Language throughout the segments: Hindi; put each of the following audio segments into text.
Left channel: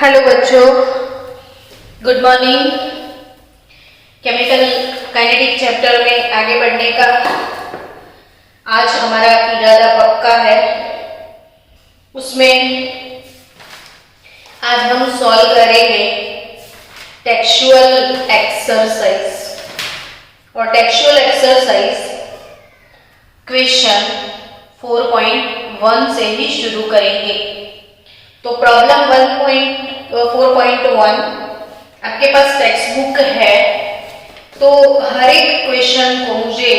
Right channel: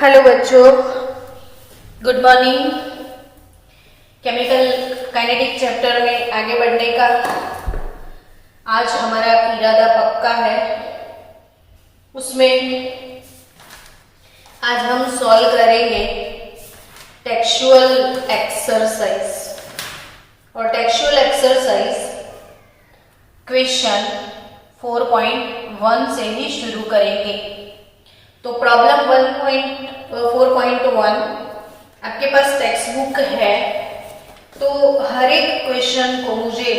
हेलो बच्चों, good morning. Chemical kinetic chapter में आगे बढ़ने का आज हमारा इरादा पक्का है। उसमें आज हम सॉल्व करेंगे टेक्सचुअल एक्सरसाइज और टेक्सचुअल एक्सरसाइज क्वेश्चन 4.1 से ही शुरू करेंगे। तो प्रॉब्लम 4.1 आपके पास टेक्स्ट बुक है, तो हर एक क्वेश्चन को मुझे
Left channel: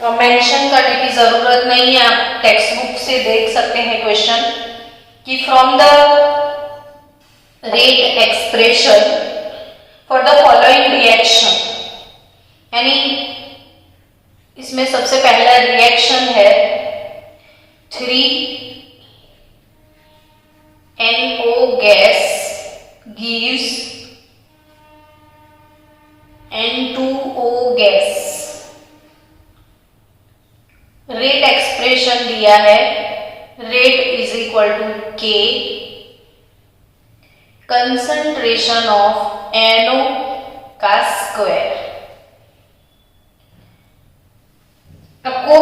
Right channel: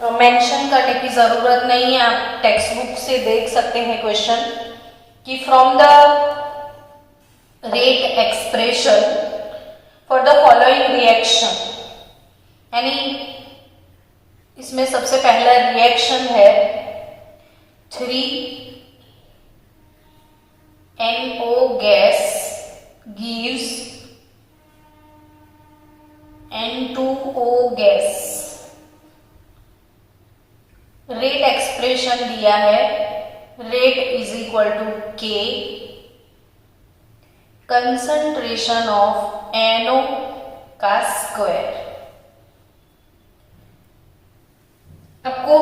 मेंशन करने की जरूरत नहीं है। आप टेक्स्ट बुक से देख सकते हैं क्वेश्चन कि from the rate expression for the following reaction, यानी इसमें सबसे पहला रिएक्शन है 3NO gas gives N2O gas। Rate expression दिया है, rate is equal to K, concentration of NO का स्क्वायर। आपको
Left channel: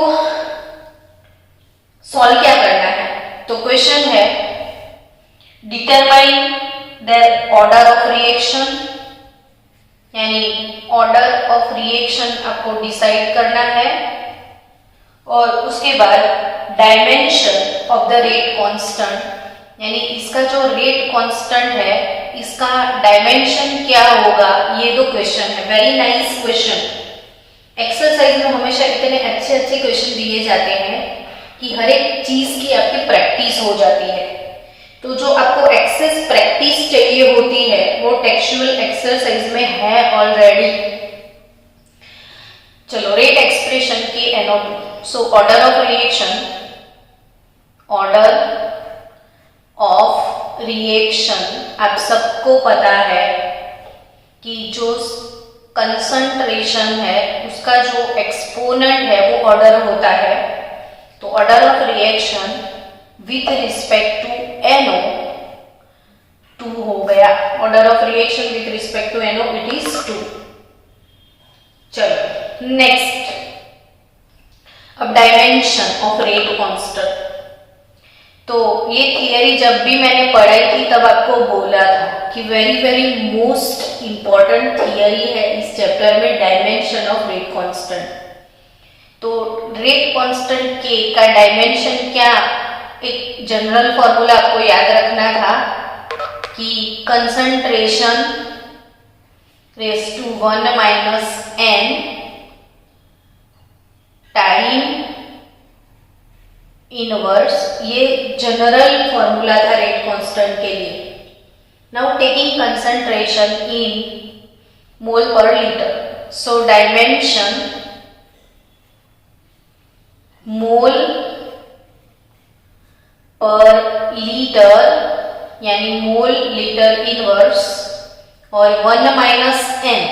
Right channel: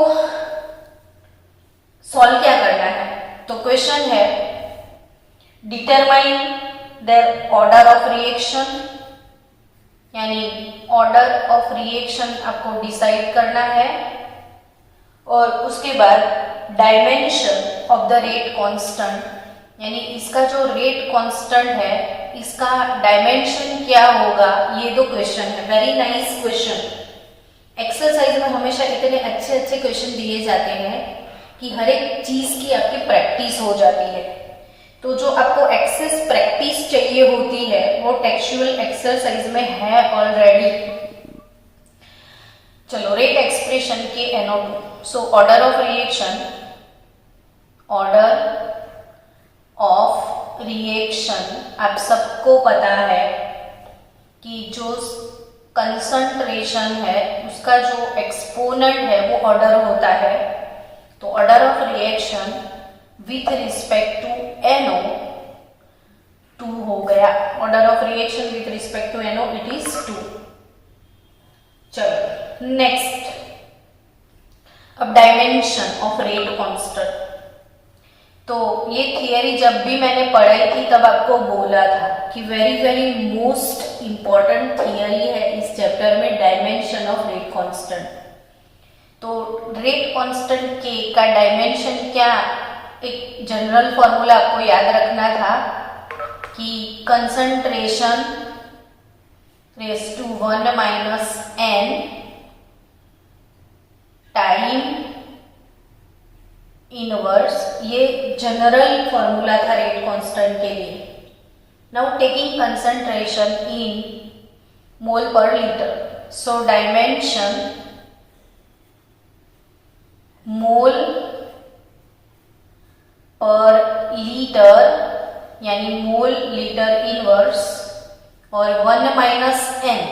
सॉल्व क्या करना है? तो क्वेश्चन है determine their order of reaction, यानी ऑर्डर ऑफ रिएक्शन आपको डिसाइड करना है, और उसके बाद dimension of the rate constant, यानी इसका जो रेट कांस्टेंट है इसका डायमेंशन क्या होगा। ये दो क्वेश्चन है। Very nice question. एक्सरसाइज में हमेशा इतने अच्छे अच्छे क्वेश्चन दिए जाते हैं कि हर एक चीज की आपकी प्रैक्टिस हो जाती है। तो जो आपको एक्सेस प्रैक्टिस चाहिए होती है वो टेक्सचुअल एक्सरसाइज में है ऑलरेडी। चलो, रेट एक्सप्रेशन की NO2। So order of reaction, order of reaction आप सबको पता है कि जो कंसंट्रेशन है उसका जो एक्सपोनेंट है वो ऑर्डर होता है। तो order of reaction with respect to NO 2 हो गया। Order of reaction with respect to NO it is 2। चलो नेक्स्ट, अब डायमेंशन ऑफ रेट कांस्टेंट। तो ये थियरी जब भी मैंने पढ़ाई थी तब आपको बोला था कि very very most important theory है इस चैप्टर में, डायमेंशन ऑफ रेट कांस्टेंट। तो रेट कांस्टेंट के का डायमेंशन क्या, एक जनरल फॉर्मूला आपको याद रखना था कि concentration raise to 1 - n time inverse. ये जनरल फॉर्मूला था रेट कांस्टेंट के लिए। Now taking concentration in mole per litre, so dimension mole per litre, यानी मोल लीटर इनवर्स, और 1 - n।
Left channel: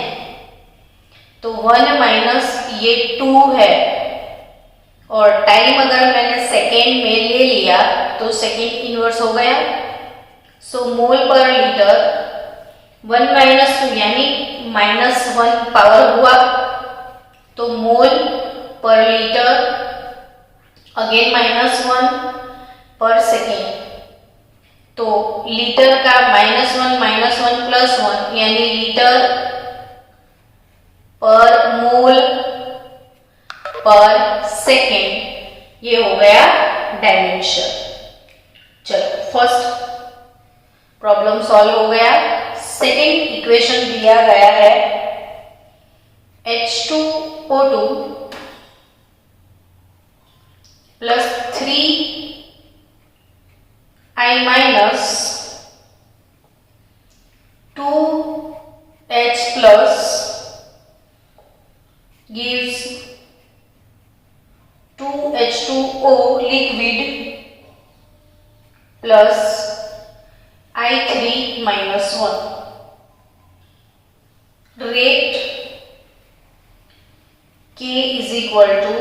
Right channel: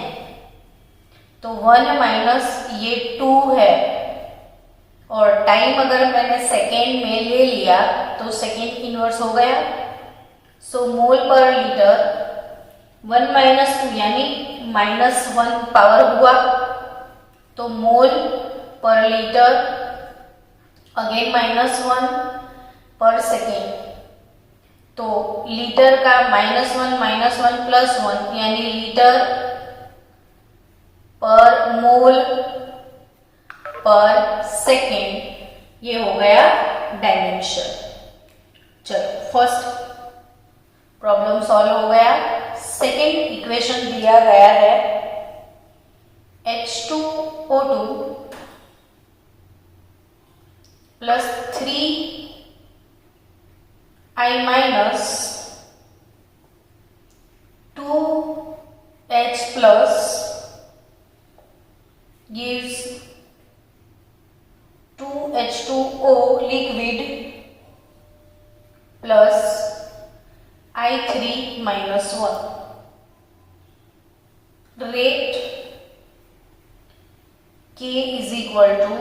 तो 1 - ये 2 है, और टाइम अगर मैंने सेकेंड में ले लिया तो सेकेंड इनवर्स हो गया। सो मोल पर लीटर 1 - 2 यानी -1 पावर हुआ, तो मोल पर लीटर अगेन -1 पर सेकेंड। तो लीटर का -1 -1 +1 यानी लीटर पर मोल पर सेकेंड, ये हो गया डायमेंशन। चलो, फर्स्ट प्रॉब्लम सॉल्व हो गया। सेकेंड इक्वेशन दिया गया है H2O2 plus 3I minus 2H plus gives 2H2O liquid plus I3 minus 1। Rate K is equal to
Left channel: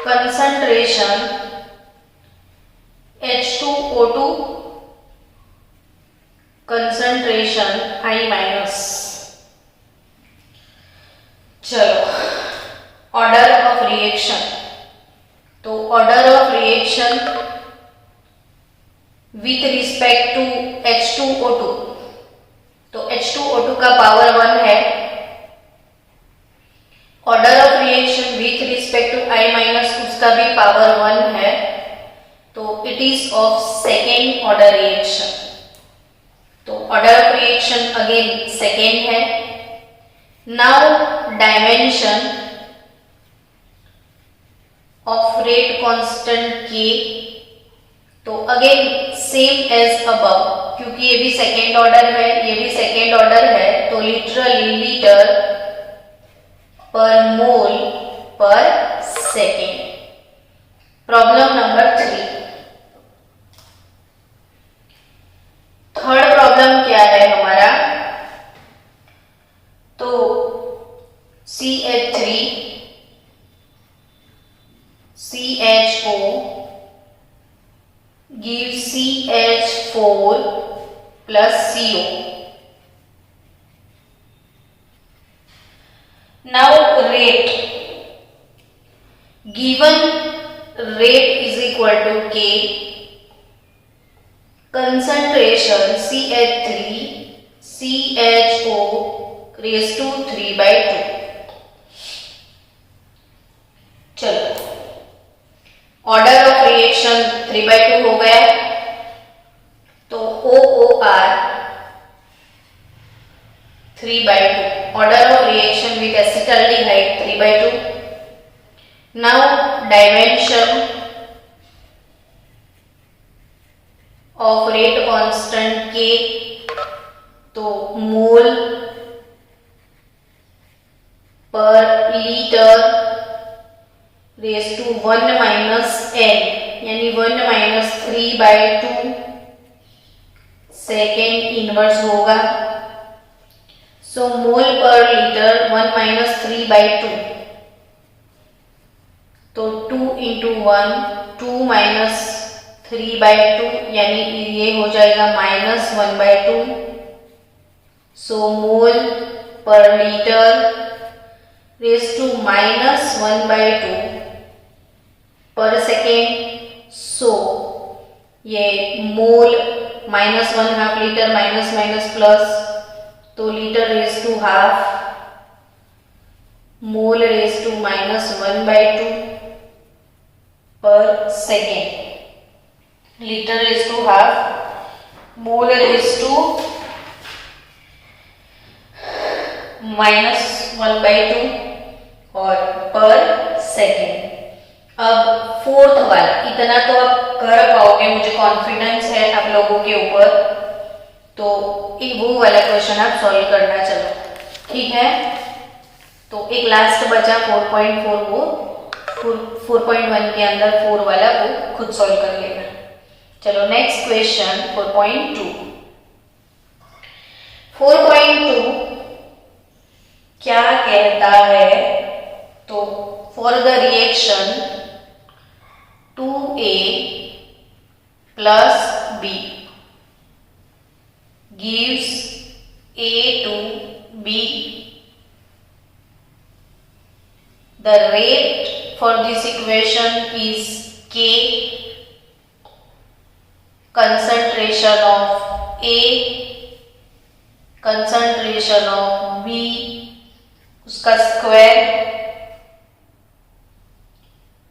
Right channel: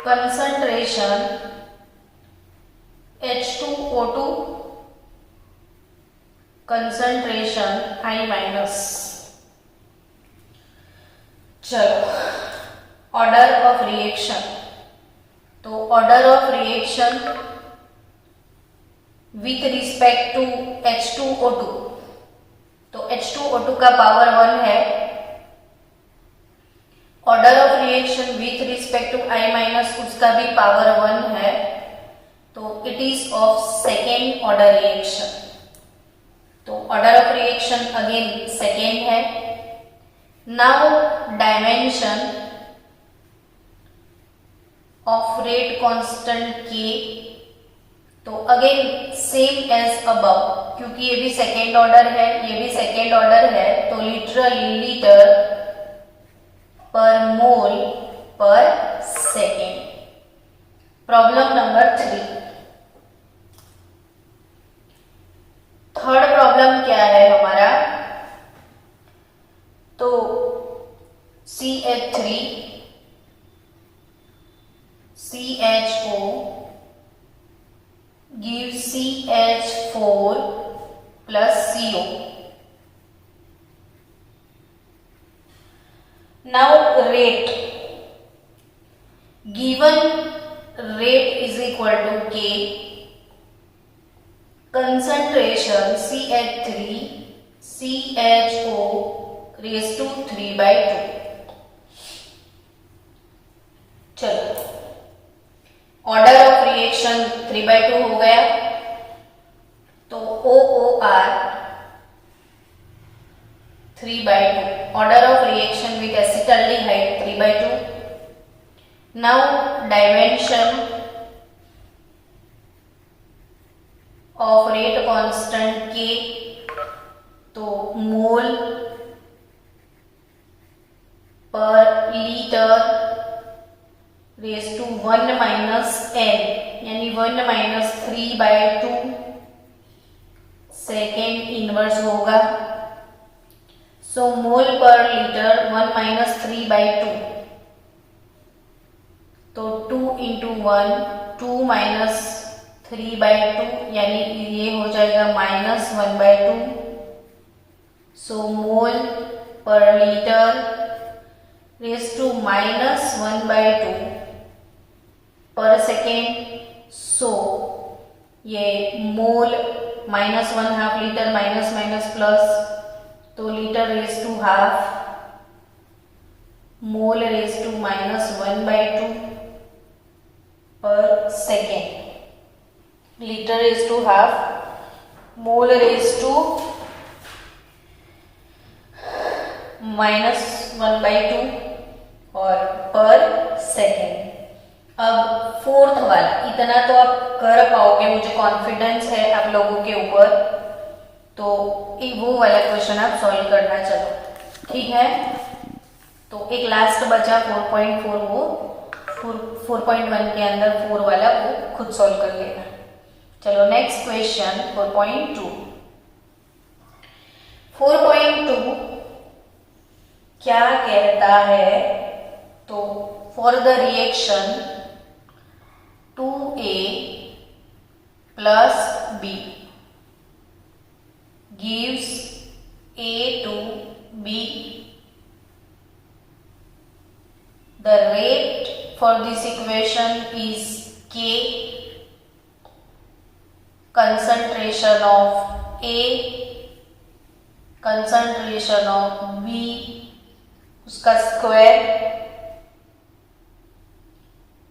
concentration H2O2 concentration I minus. चलो ऑर्डर ऑफ रिएक्शन, तो order of reaction with respect to H2O2, तो H2O2 का पावर 1 है। Order of reaction with respect to I minus, उसका भी पावर 1 है, तो it is of second order reaction. तो order of reaction again second है। Now dimension of rate constant K, तो अगेन सेम एज अबव, क्योंकि ये भी सेकेंड ऑर्डर है, ये भी सेकेंड ऑर्डर है, तो लिटरली लीटर पर मोल पर second. Problem number 3। Third problem क्या है हमारा, तो CH3 CHO gives CH4 plus CO. Now rate, given rate is equal to K, concentration CH3 CHO raised to 3/2। चलो ऑर्डर ऑफ रिएक्शन 3/2 हो गया, तो OOR 3/2, order of reaction with acetaldehyde 3/2। Now dimension of rate constant K, तो mole per litre raise to 1 minus n, यानी 1 माइनस 3/2 सेकेंड इनवर्स होगा। सो मोल पर लीटर 1 माइनस 3/2, तो 2 इंटू 1 2 माइनस 3/2, यानी ये हो जाएगा -1/2। सो मोल per litre raise to -1/2 per second. So ये mole -1 half litre minus minus plus, तो litre raise to half, mole raise to -1/2 per second. Litre raise to half, mole raise to -1/2 और पर सेकेंड। अब फोर्थ वाला, इतना तो आप कर पाओगे, मुझे कॉन्फिडेंस है आप लोगों के ऊपर, तो एक वो वाला क्वेश्चन आप सॉल्व करना। चलो ठीक है, तो एक लास्ट बचा 4.4, वो 4.1 के अंदर 4 वाला, वो खुद सॉल्व कर लेना। चलो नेक्स्ट क्वेश्चन 4.2। 4.2 क्या कहता है, तो for the reaction 2A plus B gives A to B, the rate for this equation is K, concentration of A, concentration of B, उसका square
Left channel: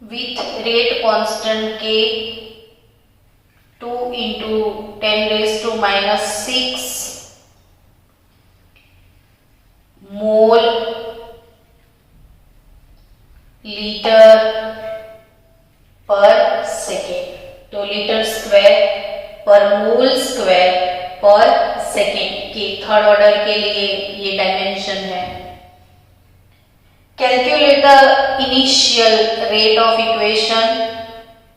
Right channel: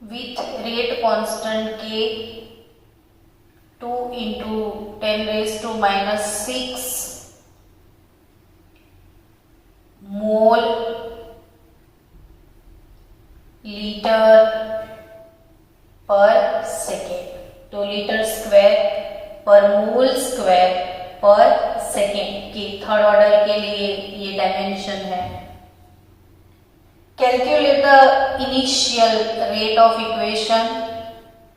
with rate constant K, 2 into 10 raised to -6 mole litre पर सेकेंड, तो लीटर स्क्वायर पर मोल स्क्वायर पर सेकेंड के थर्ड ऑर्डर के लिए ये डायमेंशन है। Calculate the initial rate of equation.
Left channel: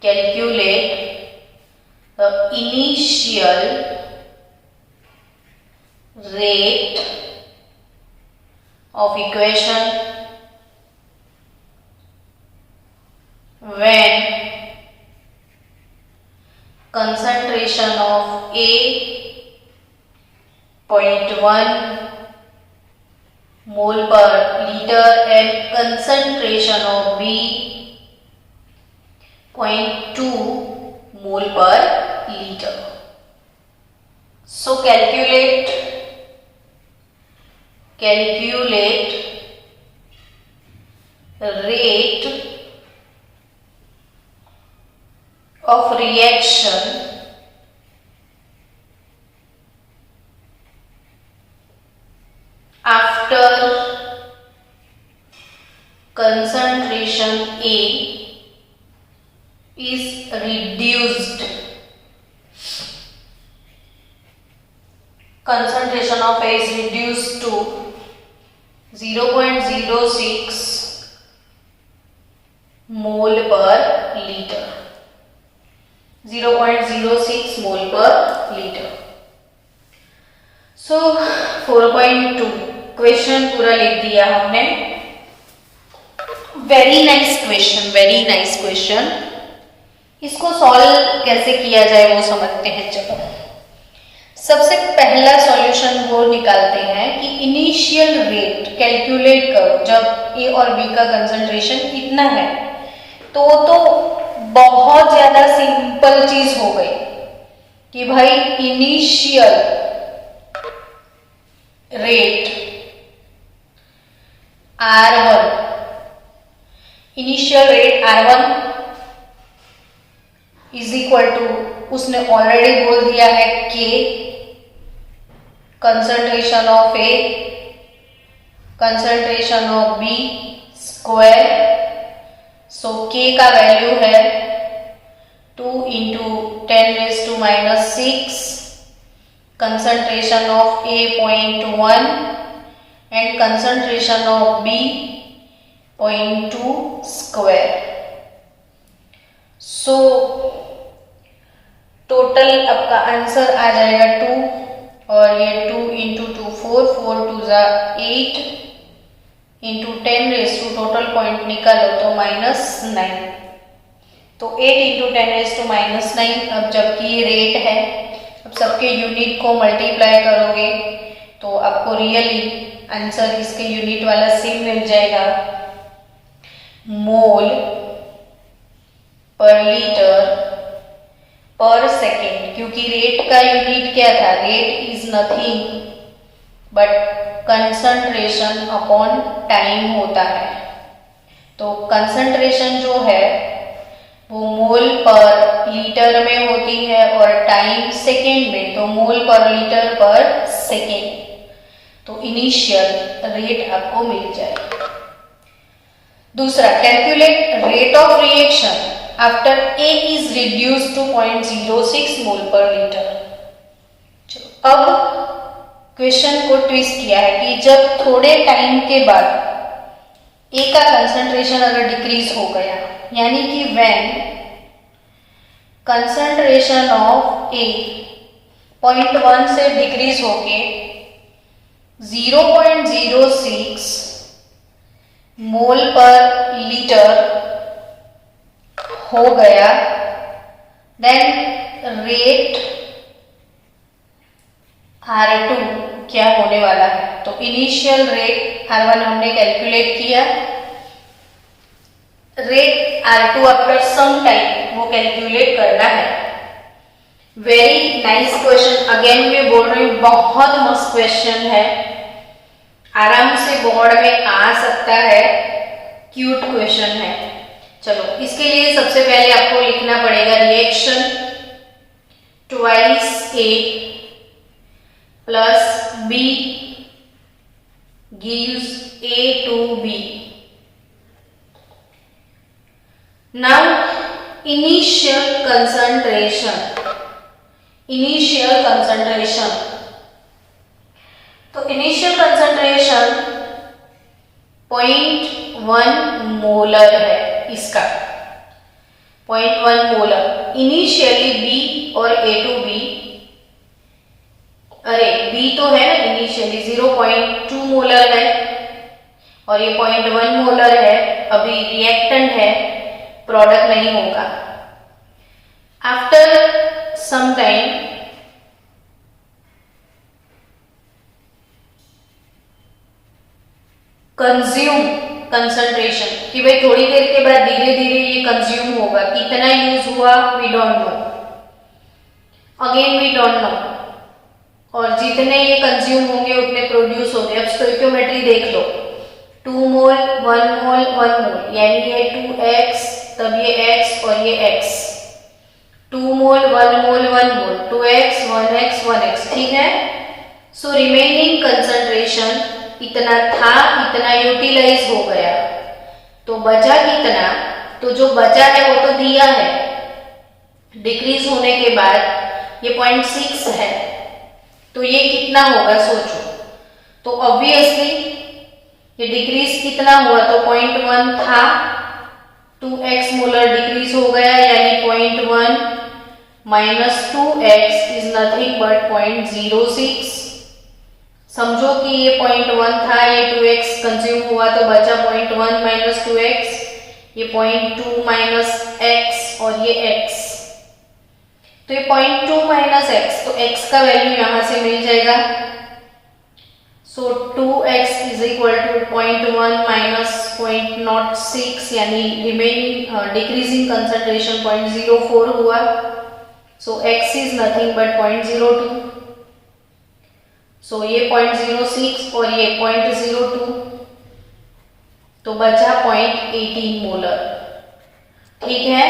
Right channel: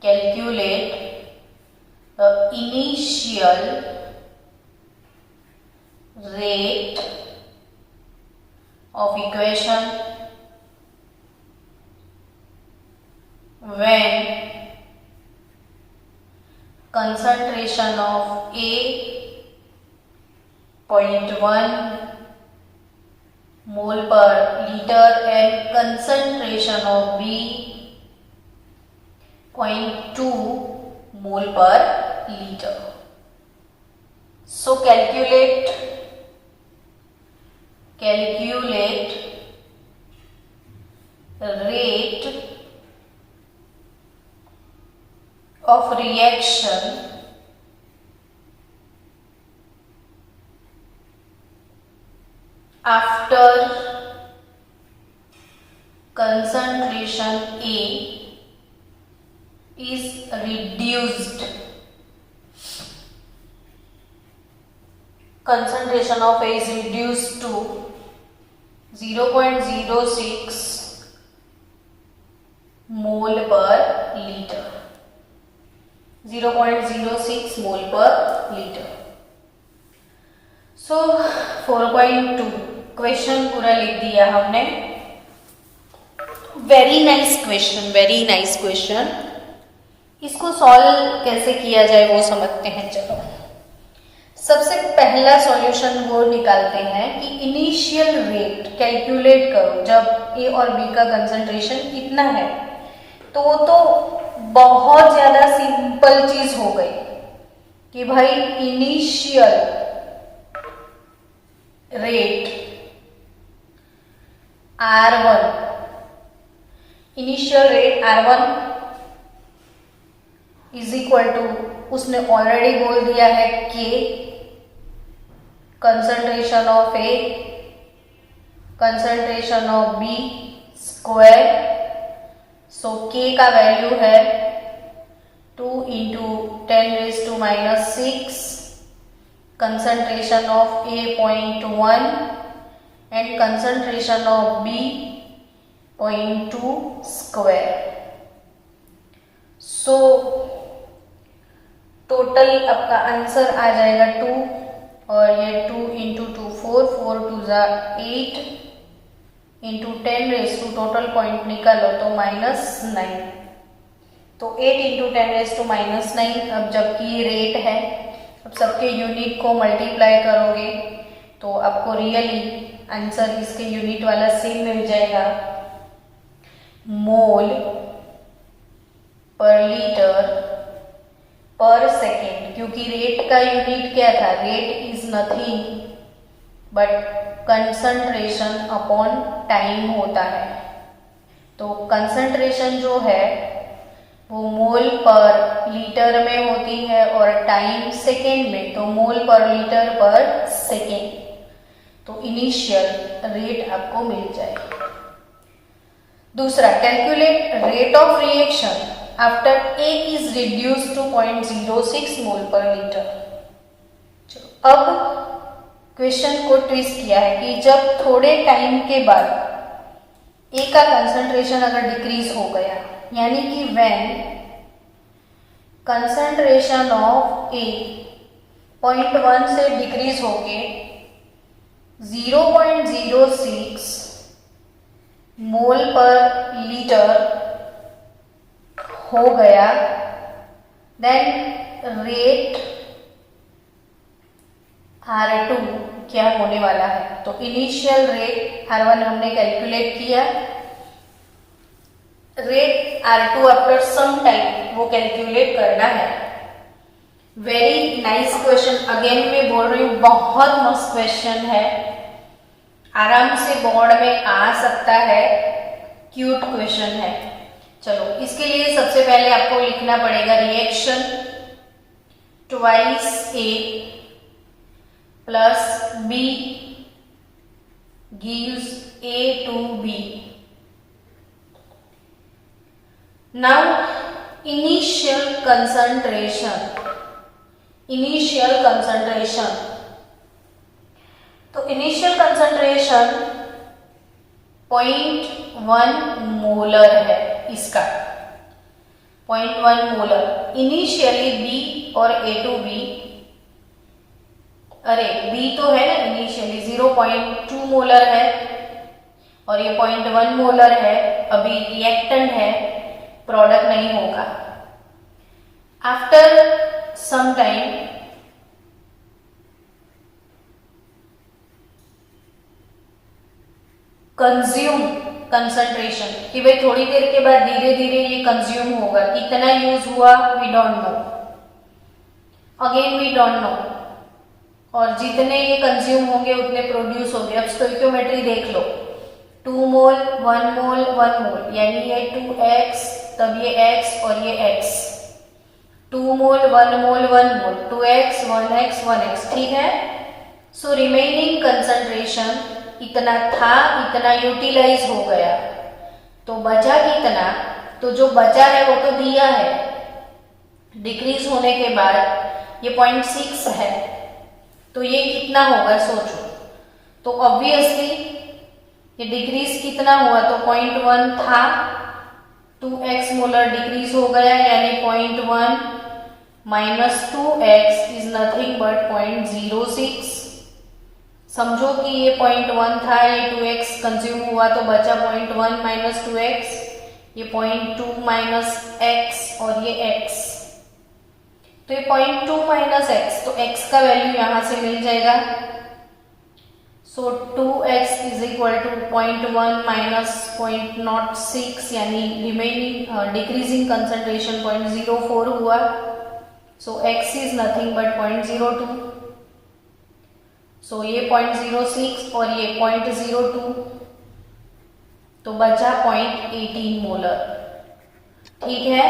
Calculate the initial rate of equation when concentration of A 0.1 mole per liter and concentration of B 0.2 mole per liter. So calculate rate of reaction after concentration A is reduced. Concentration of A is reduced to 0.06 mole per liter. 0.06 mole per liter. So 4.2 question पूरा लिख दिया हमने. Very nice question. इसको सॉल्व कैसे किया जाए वो समझते हैं. चलो सबसे पहला सॉल्यूशन वो निकालते हैं कि इनिशियल रेट कैलकुलेट करो. जब ए और बी का कंसंट्रेशन इतना है तो वो तो बहुत ज्यादा सिंपल चीज हो गई कि भाई initial rate R1 is equal to, उसने ऑलरेडी बोल दिया है K concentration of A concentration of B square. So K का वैल्यू है 2 into 10⁻⁻⁶. concentration of A 0.1 and concentration of B 0.2 square. So total आपका आंसर आ जाएगा 2 और ये 2 into 2 4 4 2 8 into 10 टोटल पॉइंट निकालो तो -9. तो 8 into 10⁻⁻9. अब जबकि ये रेट है, अब सबके यूनिट को मल्टीप्लाई करोगे तो आपको रियली आंसर इसके यूनिट वाला सेम मिल जाएगा. मोल पर लीटर पर सेकेंड. क्योंकि रेट का यूनिट क्या था? Rate is nothing but concentration upon time होता है. तो कंसंट्रेशन जो है वो मोल पर लीटर में होती है और टाइम सेकेंड में. तो मोल पर लीटर पर सेकेंड. तो इनिशियल रेट आपको मिल जाएगा. दूसरा, calculate rate of reaction after A is reduced to 0.06 mole per litre. चलो अब क्वेश्चन को ट्विस्ट किया है कि जब थोड़े टाइम के बाद A का कंसंट्रेशन अगर डिक्रीज हो गया, यानी कि व्हेन कंसंट्रेशन ऑफ A 0.1 से डिक्रीज होके 0.06 मोल पर लीटर हो गया, देन रेट R2 क्या होने वाला है. तो इनिशियल रेट R1 हमने कैलकुलेट किया. Rate R2 after some time वो कैलकुलेट करना है. Very nice question. अगेन मैं बोल रही हूँ, बहुत मस्त क्वेश्चन है. आराम से बोर्ड में आ सकता है. क्यूट क्वेश्चन है. चलो इसके लिए सबसे पहले आपको लिखना पड़ेगा reaction twice A plus B gives A to B. Now initial concentration. तो इनिशियल कंसंट्रेशन 0.1 मोलर है. इसका 0.1 मोलर इनिशियली B और A to B. अरे B तो है ना इनिशियली 0.2 मोलर है और ये 0.1 मोलर है. अभी रिएक्टेंट है, प्रोडक्ट नहीं होगा. After some time consume concentration, कि भाई थोड़ी देर के बाद धीरे धीरे ये कंज्यूम होगा, कितना यूज हुआ we don't know, again we don't know, और जितने ये कंज्यूम होंगे उतने प्रोड्यूस होंगे। अब स्टोइकियोमेट्री देख लो, 2 मोल 1 मोल 1 मोल, यानी ये 2x, तब ये x और ये x, 2 मोल 1 मोल 1 मोल, 2x 1x 1x, ठीक है। सो रिमेनिंग कंसंट्रेशन इतना था, इतना यूटिलाइज हो गया, तो बचा कितना, तो जो बचा है वो तो दिया है, डिक्रीज होने के बाद ये 0.6 है, तो ये कितना होगा सोचो। तो ऑब्वियसली ये डिक्रीज कितना हुआ, तो 0.1 था, 2x मोलर डिक्रीज हो गया, यानी 0.1 minus 2x is nothing but 0.06। समझो कि ये 0.1 था, ये 2x कंज्यूम हुआ, तो बचा 0.1 माइनस 2x, ये 0.2 माइनस x और ये x, तो ये 0.2 माइनस x, तो x का वैल्यू यहां से मिल जाएगा। So 2x is equal to 0.1 minus 0.06, यानी रिमेनिंग डिक्रीजिंग कंसंट्रेशन 0.04 हुआ। So x is nothing but 0.02, so ये 0.06 और ये 0.02, तो बचा 0.18 मोलर, ठीक है।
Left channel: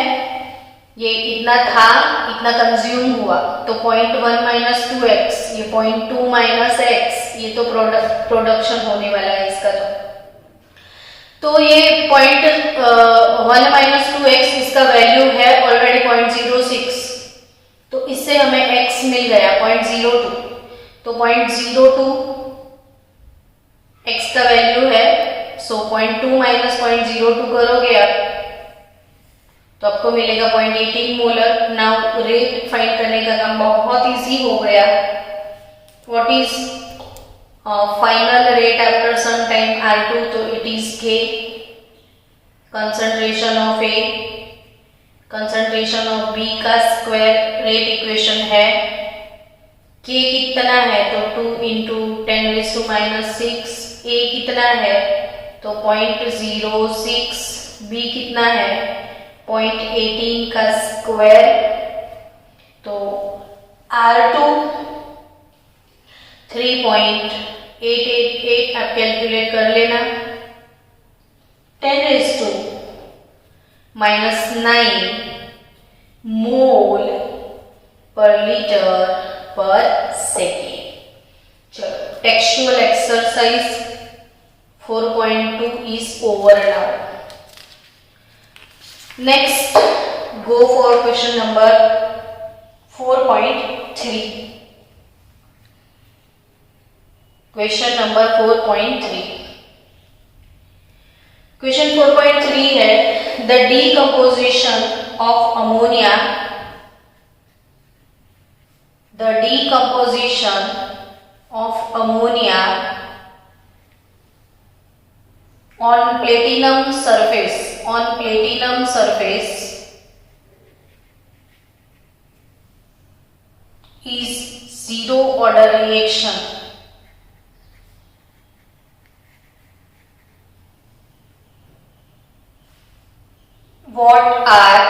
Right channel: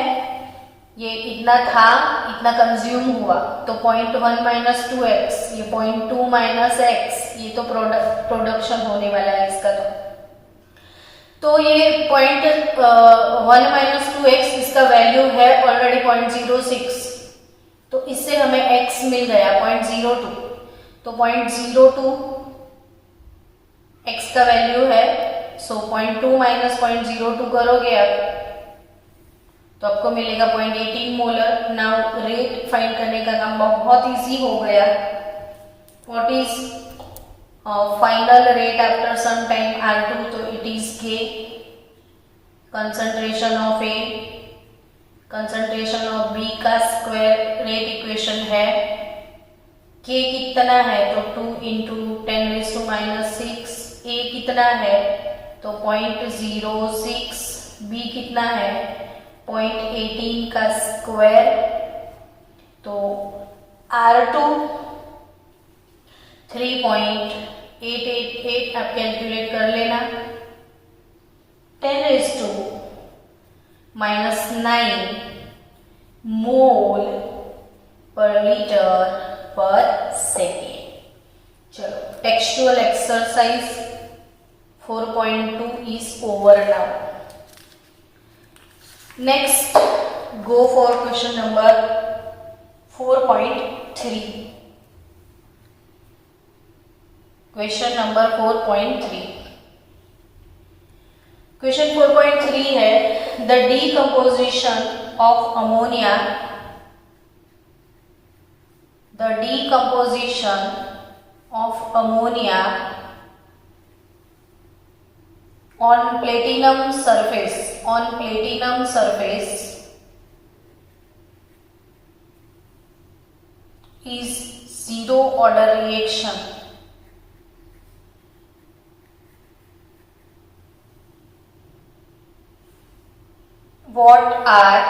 ये इतना था, इतना कंज्यूम हुआ, तो 0.1 माइनस 2x, ये 0.2 माइनस x, ये तो प्रोडक्शन होने वाला है इसका, तो ये 0.1 माइनस 2x इसका वैल्यू है ऑलरेडी 0.06, तो इससे हमें x मिल गया 0.02, तो 0.02 x का वैल्यू है। सो 0.2 माइनस 0.02 करोगे आप, तो आपको मिलेगा 0.18 मोलर। नाउ रेट फाइंड करने का काम बहुत इजी हो गया। What is final rate after some time R2, तो it is K, concentration of A, concentration of B का स्क्वायर रेट इक्वेशन है। K कितना है, तो 2 इंटू 10⁻⁻⁶, A कितना है, तो 0.06, B कितना है 0.18 का स्क्वायर, तो R2 3.888 आप कैलकुलेट कर लेना, 10⁻⁹ मोल पर लीटर पर सेकेंड। चलो textual exercise 4.2 is over now. Next, go for question number 4.3. Question number 4.3. Question 4.3 है the decomposition of ammonia. The decomposition of ammonia on platinum surface is zero order reaction. What are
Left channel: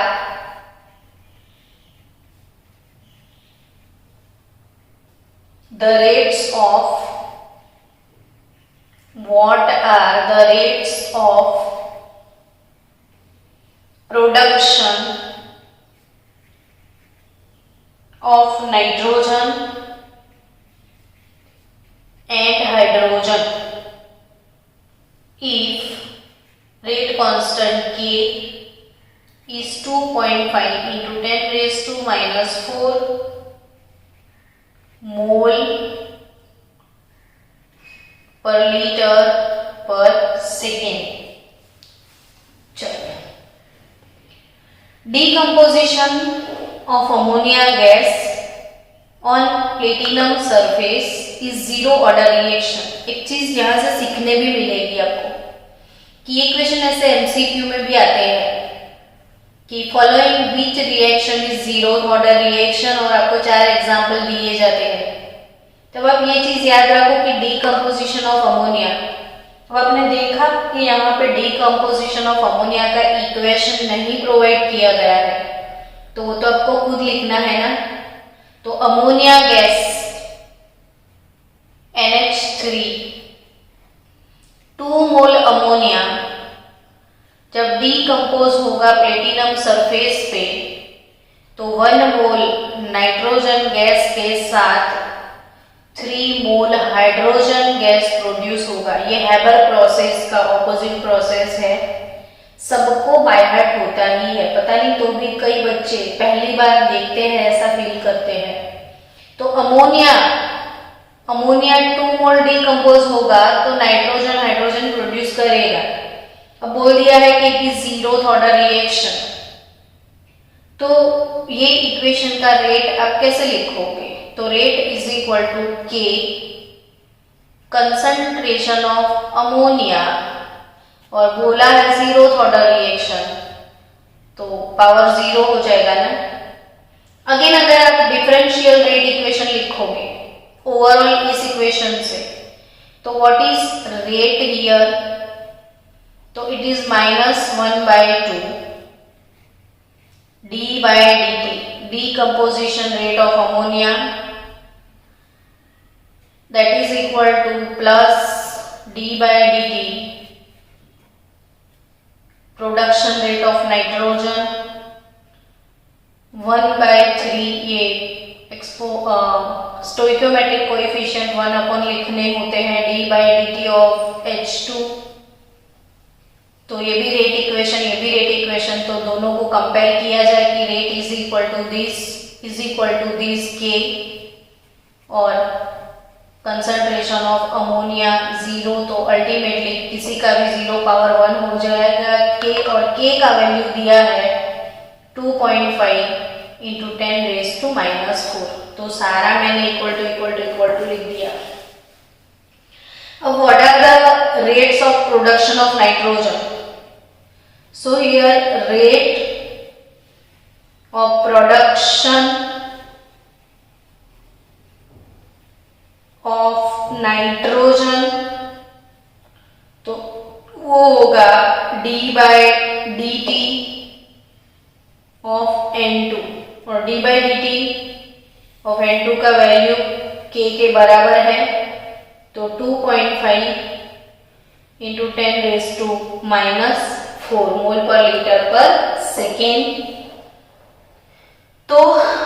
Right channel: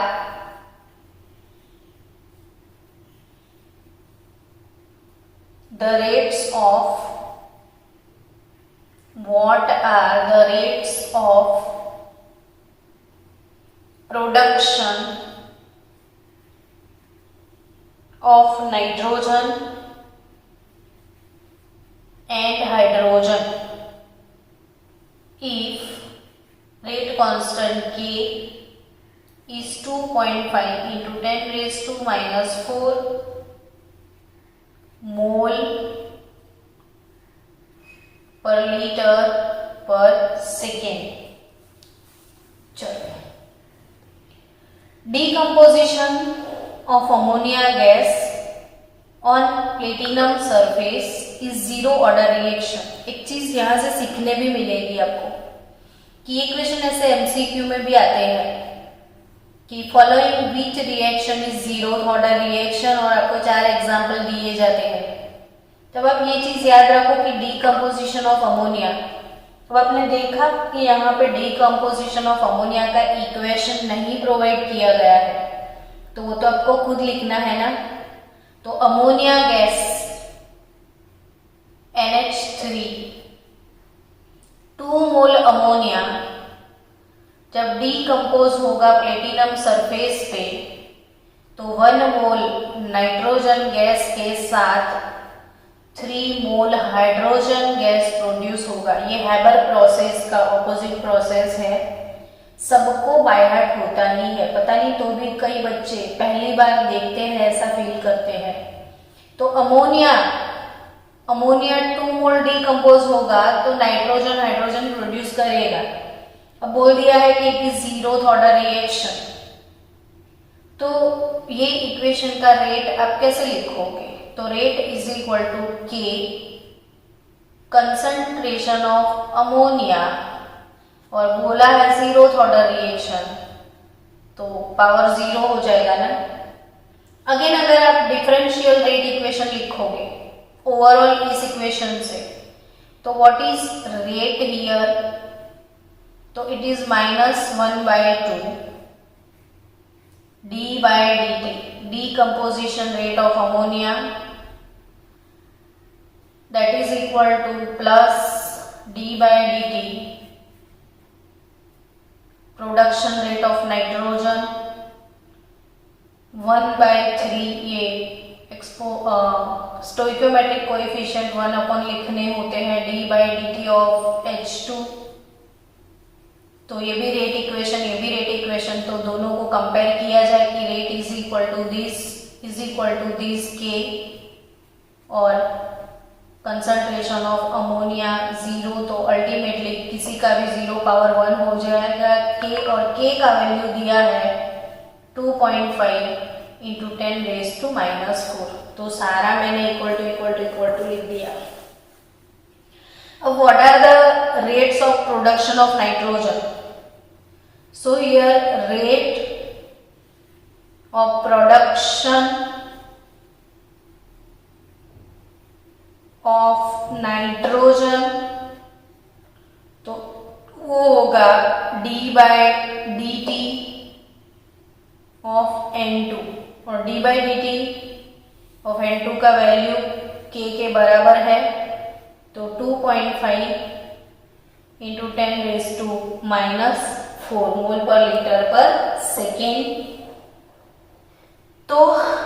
the rates of production of nitrogen and hydrogen if rate constant K is 2.5 into 10⁻⁻⁴ mole per liter per second. चलो, decomposition of ammonia gas on platinum surface is zero order reaction. एक चीज यहां से सीखने भी मिलेगी आपको कि ये क्वेश्चन ऐसे एमसीक्यू में भी आते हैं कि following which reaction is zero order reaction, और आपको 4 एग्जाम्पल दिए जाते हैं। तब आप ये चीज याद रखो कि डीकम्पोजिशन ऑफ अमोनिया अब आपने देखा कि यहाँ पे डीकम्पोजिशन ऑफ अमोनिया का इक्वेशन नहीं प्रोवाइड किया गया है, तो वो तो आपको खुद लिखना है ना। तो अमोनिया गैस NH3 2 मोल अमोनिया जब डीकम्पोज होगा प्लेटिनम सरफेस पे तो 1 मोल नाइट्रोजन गैस के साथ 3 मोल हाइड्रोजन गैस प्रोड्यूस होगा। ये हैबर प्रोसेस का ऑपोजिट प्रोसेस है। सबको बाय हार्ट होता ही है, पता नहीं तो भी कई बच्चे पहली बार देखते हैं ऐसा फील करते हैं। तो अमोनिया 2 मोल डीकम्पोज होगा तो नाइट्रोजन हाइड्रोजन प्रोड्यूस करेगा। अब बोल दिया है कि it is zeroth order reaction, तो ये इक्वेशन का रेट आप कैसे लिखोगे? तो rate is equal to K concentration of ammonia, और बोला है जीरोथ ऑर्डर रिएक्शन तो पावर 0 हो जाएगा ना। अगेन अगर आप डिफरेंशियल रेट इक्वेशन लिखोगे ओवरऑल इस इक्वेशन से, तो व्हाट इज रेट हियर? तो it is -1/2 d by dt, decomposition rate of ammonia, that is equal to plus d by dt production rate of nitrogen 1/3। ये स्टोइकोमेट्रिक कोएफिशिएंट 1 अपन लिखने होते हैं d by dt of H2। तो ये भी रेट इक्वेशन, ये भी रेट इक्वेशन, तो दोनों को कंपेयर किया जाए कि rate is equal to this K और कंसंट्रेशन ऑफ अमोनिया 0, तो अल्टीमेटली किसी का भी 0 पावर 1 हो जाएगा K, और K का वैल्यू दिया है 2.5 इंटू 10⁻⁻⁴। तो सारा मैंने इक्वल टू लिख दिया। अब what are the rates of production of nitrogen? So here rate of production of nitrogen, तो वो होगा d by dt of N2, और d by dt of N2 का वैल्यू K के बराबर है, तो 2.5 इंटू 10⁻⁻⁴ मोल पर लीटर पर सेकेंड। तो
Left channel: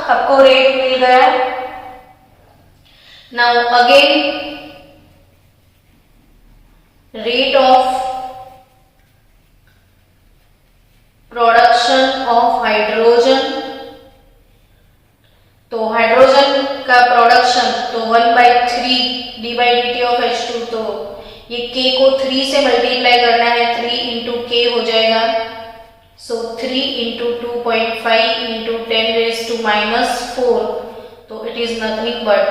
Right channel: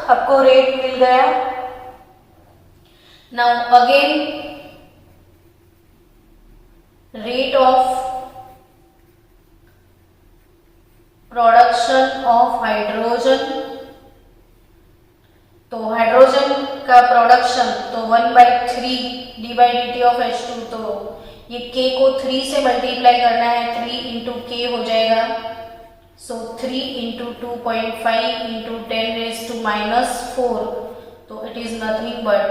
आपको रेट मिल गया। Now again rate of production of hydrogen, तो हाइड्रोजन का प्रोडक्शन तो 1/3 d by dt of H2, तो ये K को 3 से मल्टीप्लाई करना है, 3 इंटू K हो जाएगा। सो 3 इंटू 2.5 इंटू 10⁻⁻⁴, तो it is nothing but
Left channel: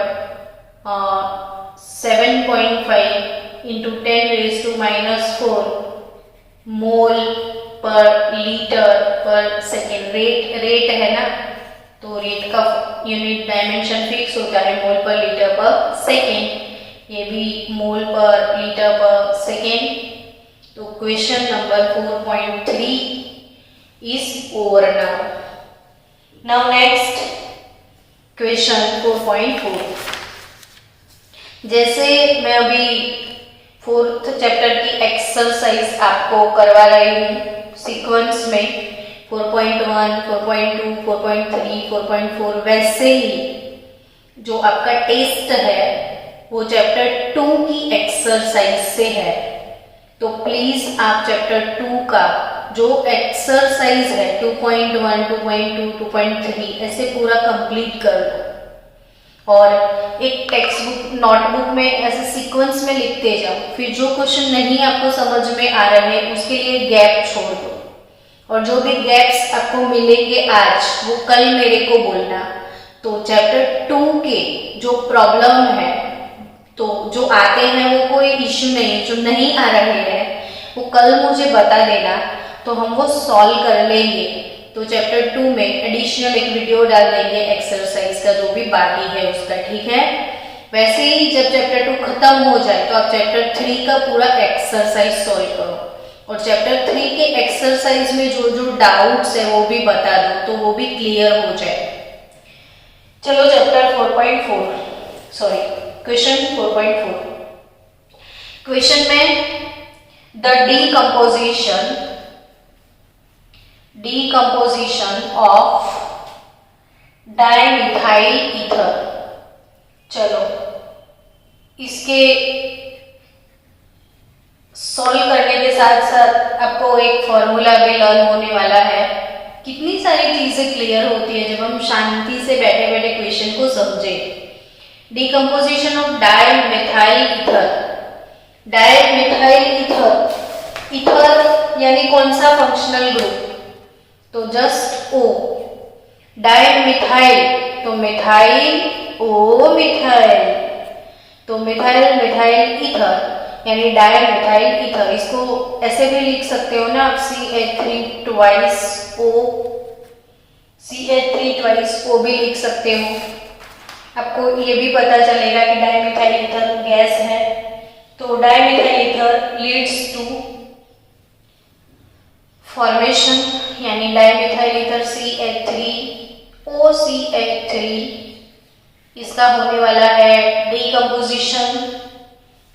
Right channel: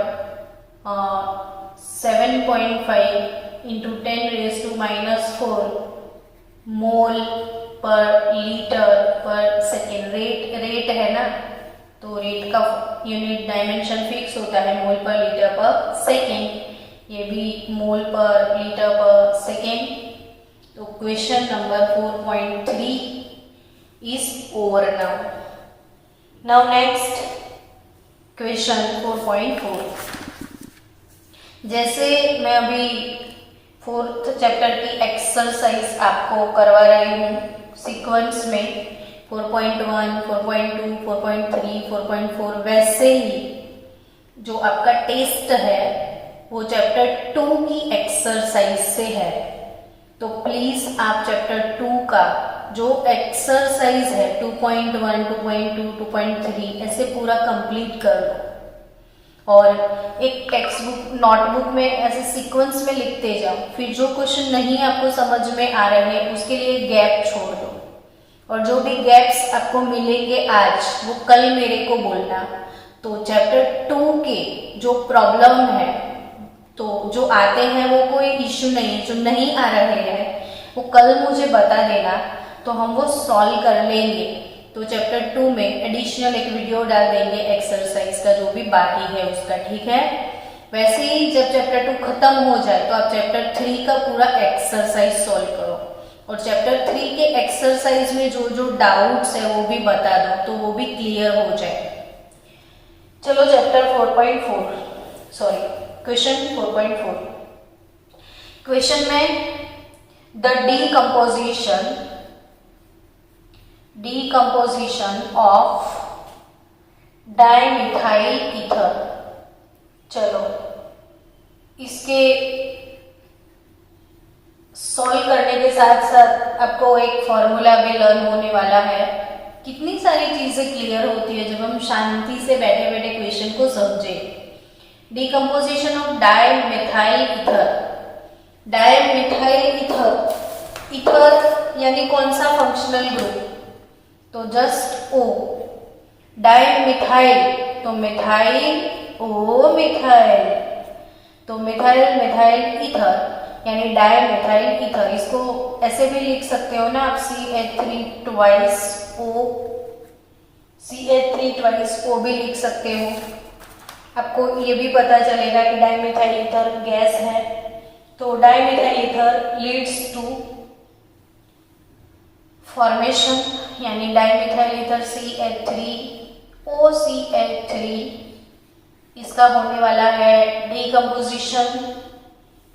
7.5 into 10⁻⁻⁴ mole per litre पर सेकेंड। रेट है ना, तो रेट का यूनिट डायमेंशन फिक्स होता है मोल पर लीटर पर सेकेंड, ये भी मोल पर लीटर पर सेकेंड। तो question number 4.3 is over now. Now next question 4.4। जैसे मैं अभी 4th चैप्टर की एक्सरसाइज आपको करवा रही हूँ सीक्वेंस में 4.1, 4.2, 4.3, 4.4, वैसे ही जो आपका टेस्ट है वो चैप्टर 2 की एक्सरसाइज से है। तो प्लीज आप चैप्टर 2 का जो एक्सरसाइज है 2.1, 2.2, 2.3 ऐसे पूरा कंप्लीट कर लो, और एक टेक्स्ट बुक नोटबुक में ऐसे सीक्वेंस में लिखते जाओ। फिर जो क्वेश्चन नहीं आपको समझ में आ रहे हैं उसके लिए गैप छोड़ दो, और जो भी गैप्स आपको मिलेंगे आज वो कल मेरे को बोलना। तो चैप्टर 2 के जो प्रॉब्लम है, तो जो आते हैं वो कोई इश्यू नहीं, जो नहीं आ रहे हैं वो कल मुझे बता देना, तो हम वो सॉल्व कर लेंगे। तो चैप्टर 2 में एडिशनल एक वीडियो डाल देंगे एक्सरसाइज का, जो भी बाकी है उसका, ठीक है। वैसे ही जब चैप्टर 2 खत्म हो जाए तो आप चैप्टर 3 का पूरा एक्सरसाइज सॉल्व करो, और चैप्टर 3 के एक्सरसाइज में जो जो डाउट्स है वो भी बता दो, तो वो भी क्लियर हो जाए। चलो चैप्टर 4.4 सॉरी क्वेश्चन 4.4। क्वेश्चन में the decomposition of dimethyl ether. चलो इसके सॉल्व करने के साथ साथ आपको एक फॉर्मूला भी लर्न होने वाला है। कितनी सारी चीजें क्लियर होती है जब हम शांति से बैठे बैठे क्वेश्चन को समझे। Decomposition of dimethyl ether. Dimethyl ether, ether यानी कौन सा फंक्शनल ग्रुप, तो जस्ट O। डाइमिथाइल तो मिथाइल O मिथाइल, तो मिथाइल मिथाइल ईथर यानी डाइमिथाइल ईथर। इसको ऐसे भी लिख सकते हो ना आप, CH3 twice O, CH3 twice O भी लिख सकते हो। आपको ये भी पता चलेगा कि डाइमिथाइल ईथर गैस है। तो dimethyl ether leads to formation यानी डाइमिथाइल ईथर CH3OCH3, इसका होने वाला है डिकम्पोजिशन,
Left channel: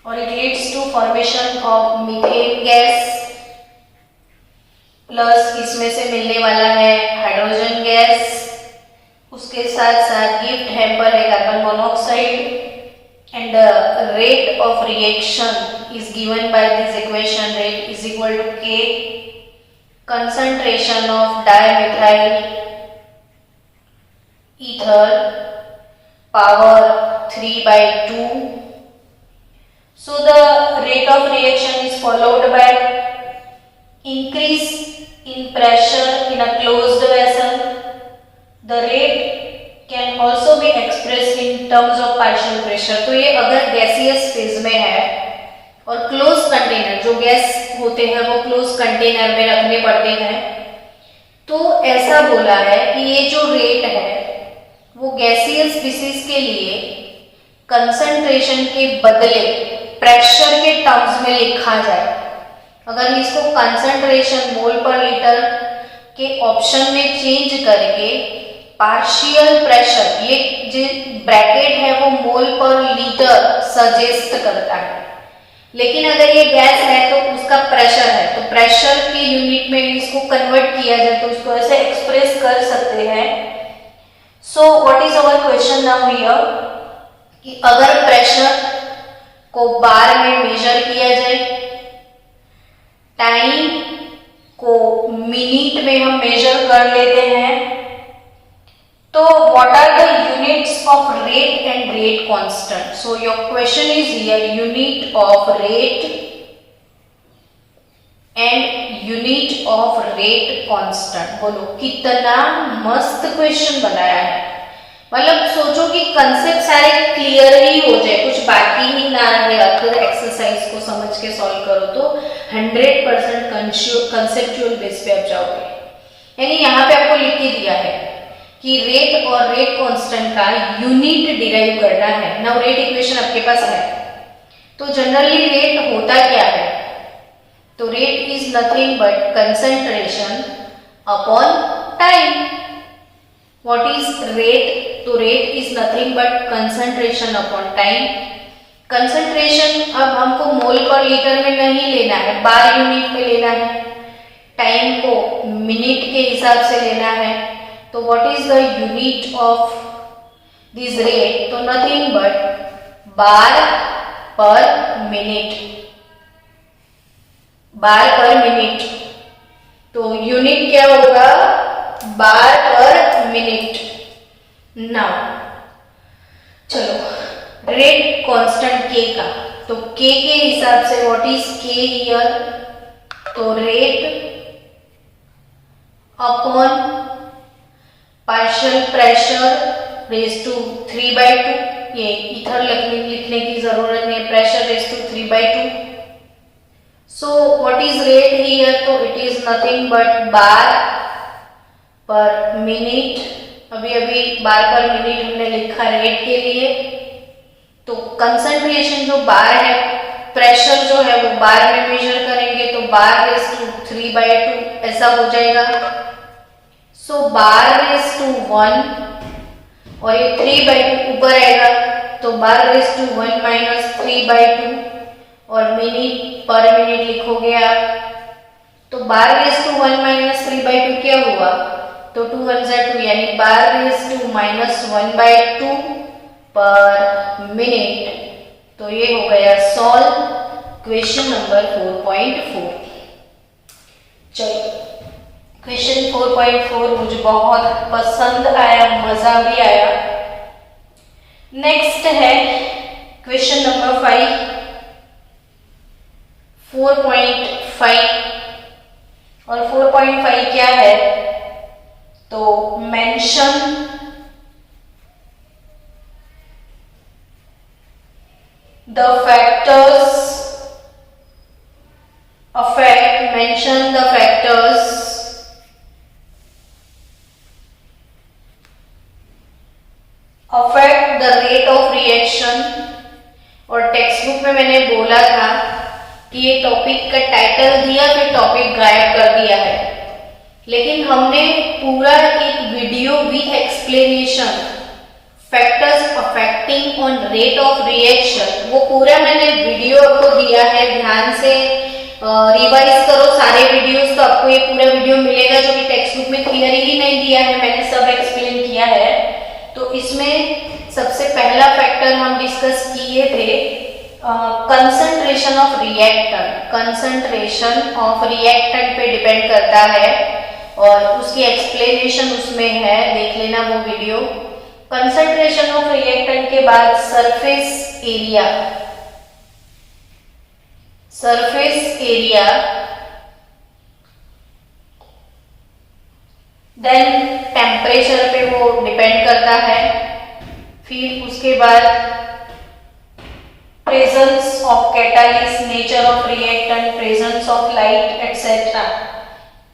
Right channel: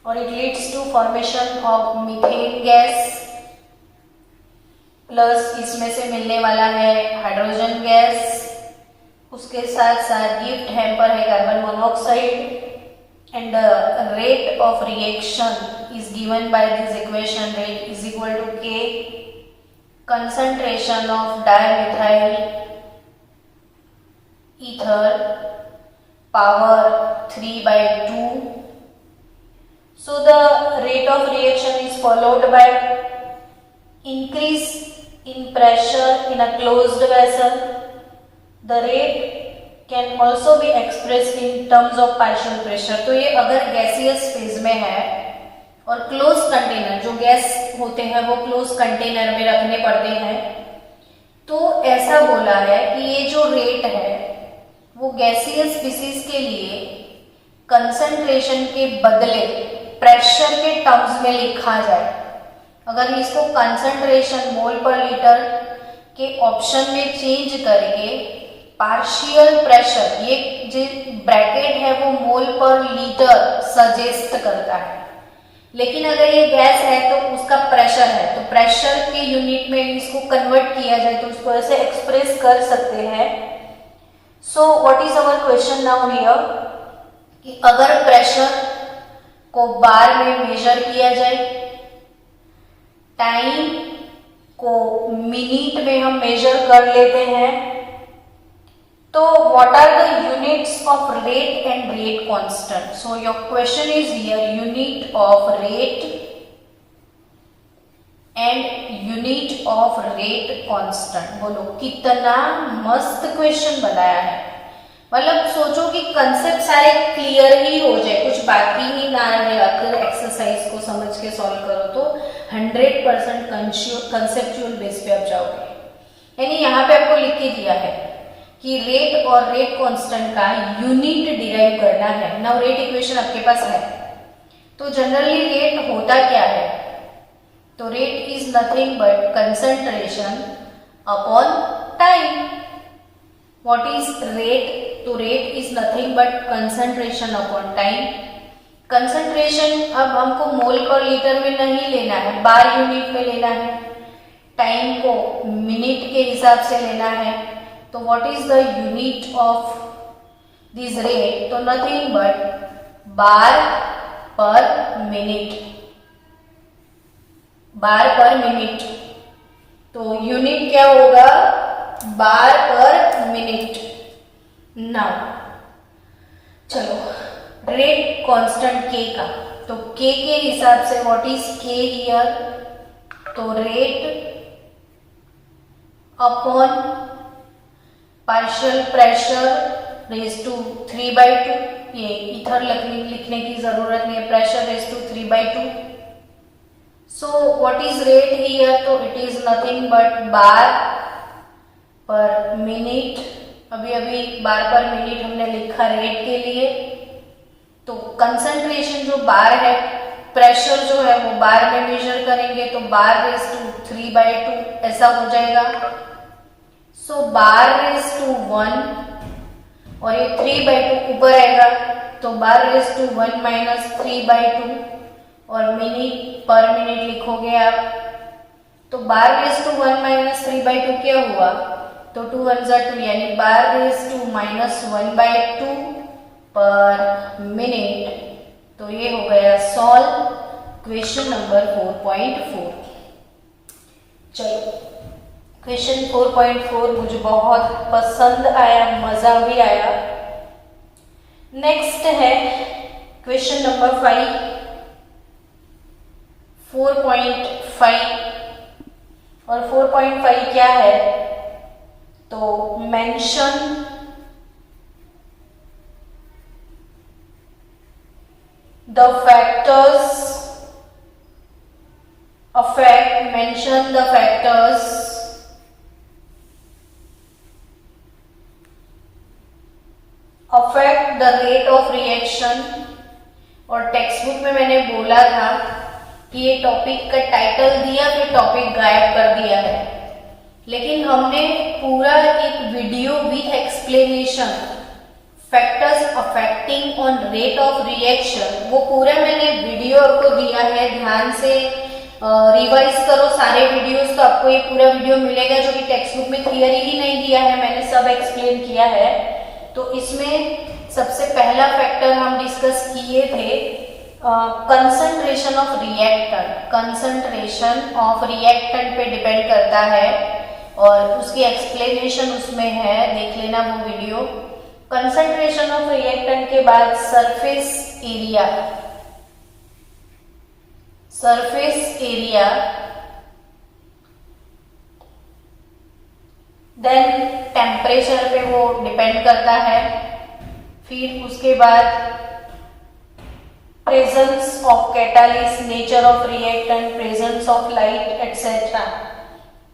और it leads to formation of methane gas, plus इसमें से मिलने वाला है हाइड्रोजन गैस। उसके साथ साथ गिफ्ट हैम्पर है carbon monoxide, and the rate of reaction is given by this equation, rate is equal to K, concentration of dimethyl ether power 3/2. So the rate of reaction is followed by increase in pressure in a closed vessel. The rate can also be expressed in terms of partial pressure. तो ये अगर गैसियस फेज में है और क्लोज कंटेनर, जो गैस होते हैं वो क्लोज कंटेनर में रखने पड़ते हैं, तो ऐसा बोला है कि ये जो रेट है वो गैसियस स्पीसीज के लिए कंसंट्रेशन के बदले प्रेशर के टर्म्स में लिखा जाए। अगर इसको कंसंट्रेशन मोल पर लीटर के ऑप्शन में चेंज करके पार्शियल प्रेशर, ये जो ब्रैकेट है वो मोल पर लीटर सजेस्ट करता है, लेकिन अगर ये गैस है तो उसका प्रेशर है, तो प्रेशर के यूनिट में इसको कन्वर्ट किया जाए तो उसको ऐसे एक्सप्रेस कर सकते हैं। सो what is our question now here, कि अगर प्रेशर को बार में मेजर किया जाए, टाइम को मिनट में हम मेजर कर लेते हैं, तो what are the units of rate and rate constant? So your question is here, unit of rate and unit of rate constant। बोलो कितना मस्त क्वेश्चन बनाया है। मतलब सोचो कि कंसेप्ट सारे क्लियर ही हो जाए, कुछ बाकी ही ना रहे। अगर एक्सरसाइज को समझ के सॉल्व करो तो 100% कंसेप्चुअल बेस पे आप जाओगे। यानी यहाँ पे आपको लिख के दिया है कि रेट और रेट कांस्टेंट का यूनिट डिराइव करना है। नाउ रेट इक्वेशन आपके पास है, तो जनरली रेट होता क्या है, तो rate is nothing but concentration upon time. What is rate, तो rate is nothing but concentration upon time. Concentration अब हमको मोल पर लीटर में नहीं लेना है, बार यूनिट में लेना है। टाइम को मिनट के हिसाब से लेना है, तो what is the unit of this rate, तो nothing but bar per minute, bar per minute. तो यूनिट क्या होगा, बार पर मिनट। नाउ चलो रेट कांस्टेंट K का, तो K के हिसाब से what is K हियर, तो rate upon partial pressure raise to 3/2, ये इथर लिखने की जरूरत नहीं है, pressure raise to 3/2। So what is rate here, तो it is nothing but bar per minute. अभी अभी बार पर मिनट हमने लिखा रेट के लिए, तो कंसंट्रेशन जो बार है, प्रेशर जो है वो बार में मेजर करेंगे तो बार रेज टू 3/2 ऐसा हो जाएगा। सो बार रेज टू 1 और ये 3/2 ऊपर आएगा तो बार रेज टू 1 माइनस 3/2 और मिनट पर मिनट लिखोगे आप। तो बार रेज टू 1 माइनस 3/2 क्या हुआ, तो 2 1 जा 2 यानी बार रेज टू माइनस 1/2 पर मिनट। तो ये हो गया सॉल्व क्वेश्चन नंबर 4.4। चलो क्वेश्चन 4.4 मुझे बहुत पसंद आया, मजा भी आया। नेक्स्ट है क्वेश्चन नंबर 5, 4.5। और 4.5 क्या है, तो mention the factors mention the factors affect the rate of reaction। और टेक्स्ट बुक में मैंने बोला था कि ये टॉपिक का टाइटल दिया फिर टॉपिक गायब कर दिया है, लेकिन हमने पूरा एक video with explanation factors affecting on rate of reaction, वो पूरा मैंने वीडियो आपको दिया है। ध्यान से रिवाइज करो सारे वीडियोस तो आपको ये पूरा वीडियो मिलेगा, जो कि टेक्स्ट बुक में थियरी ही नहीं दिया है, मैंने सब एक्सप्लेन किया है। तो इसमें सबसे पहला फैक्टर हम डिस्कस किए थे concentration of reactant. Concentration of reactant पे डिपेंड करता है और उसकी एक्सप्लेनेशन उसमें है, देख लेना वो वीडियो। कंसंट्रेशन ऑफ रिएक्टेंट के बाद surface area, surface area, then temperature पे वो डिपेंड करता है। फिर उसके बाद presence of catalyst, nature of reactant, presence of light etcetera.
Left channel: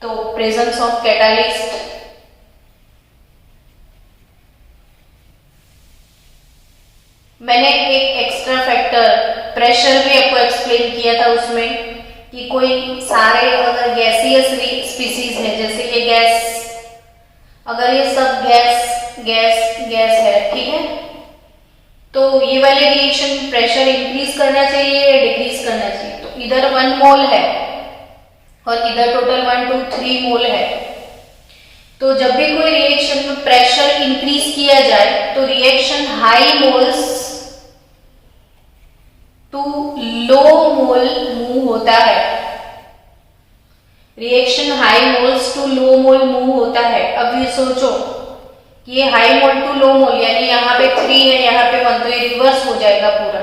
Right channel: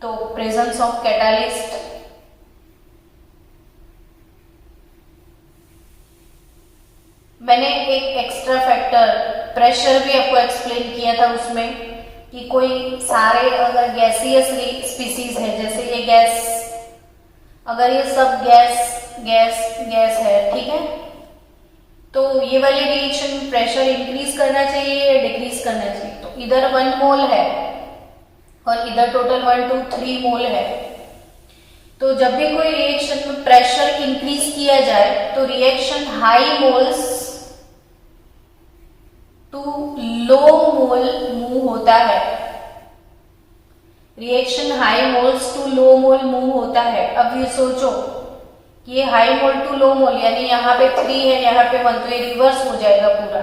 तो प्रेजेंस ऑफ कैटालिस्ट, मैंने एक एक्स्ट्रा फैक्टर प्रेशर भी आपको एक्सप्लेन किया था उसमें कि कोई सारे अगर गैसियस स्पीसीज है, जैसे ये गैस, अगर ये सब गैस गैस गैस है, ठीक है, तो ये वाले रिएक्शन में प्रेशर इंक्रीज करना चाहिए या डिक्रीज करना चाहिए। तो इधर 1 मोल है और इधर टोटल 1 2 3 मोल है। तो जब भी कोई रिएक्शन में प्रेशर इंक्रीज किया जाए तो reaction high moles to low mole move होता है। Reaction high moles to low mole move होता है। अब ये सोचो कि ये हाई मोल टू लो मोल यानी यहाँ पे 3 है, यहाँ पे 1, तो ये रिवर्स हो जाएगा पूरा।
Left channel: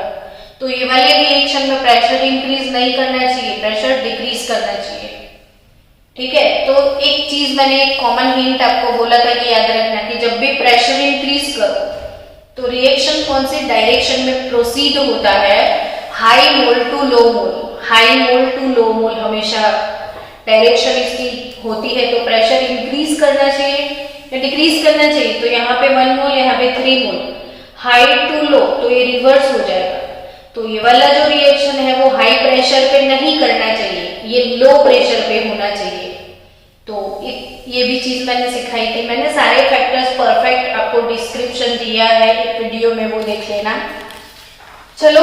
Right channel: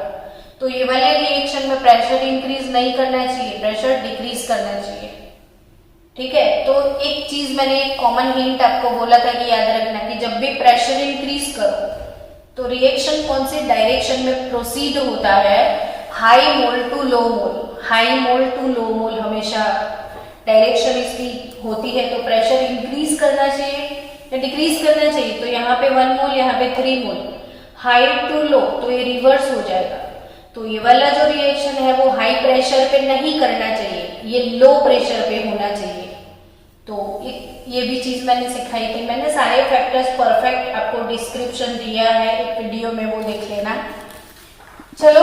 तो ये वाले रिएक्शन में प्रेशर इंक्रीज नहीं करना चाहिए, प्रेशर डिक्रीज करना चाहिए, ठीक है। तो एक चीज मैंने एक कॉमन हिंट आपको बोला था कि याद रखना कि जब भी प्रेशर इंक्रीज करो तो रिएक्शन कौन से डायरेक्शन में प्रोसीड होता है, high mole to low mole. High mole to low mole हमेशा डायरेक्शन इसकी होती है। तो प्रेशर इंक्रीज करना चाहिए या डिक्रीज करना चाहिए, तो यहाँ पे 1 मोल, यहाँ पे 3 मोल। हाई टू लो तो ये रिवर्स हो जाएगा। तो ये वाला जो रिएक्शन है वो हाई प्रेशर पे नहीं करना चाहिए, ये लो प्रेशर पे होना चाहिए। तो ये भी चीज मैंने सिखाई थी। मैंने सारे फैक्टर्स परफेक्ट आपको डिस्क्रिप्शन दिया है एक वीडियो में, वो देख लेना। चलो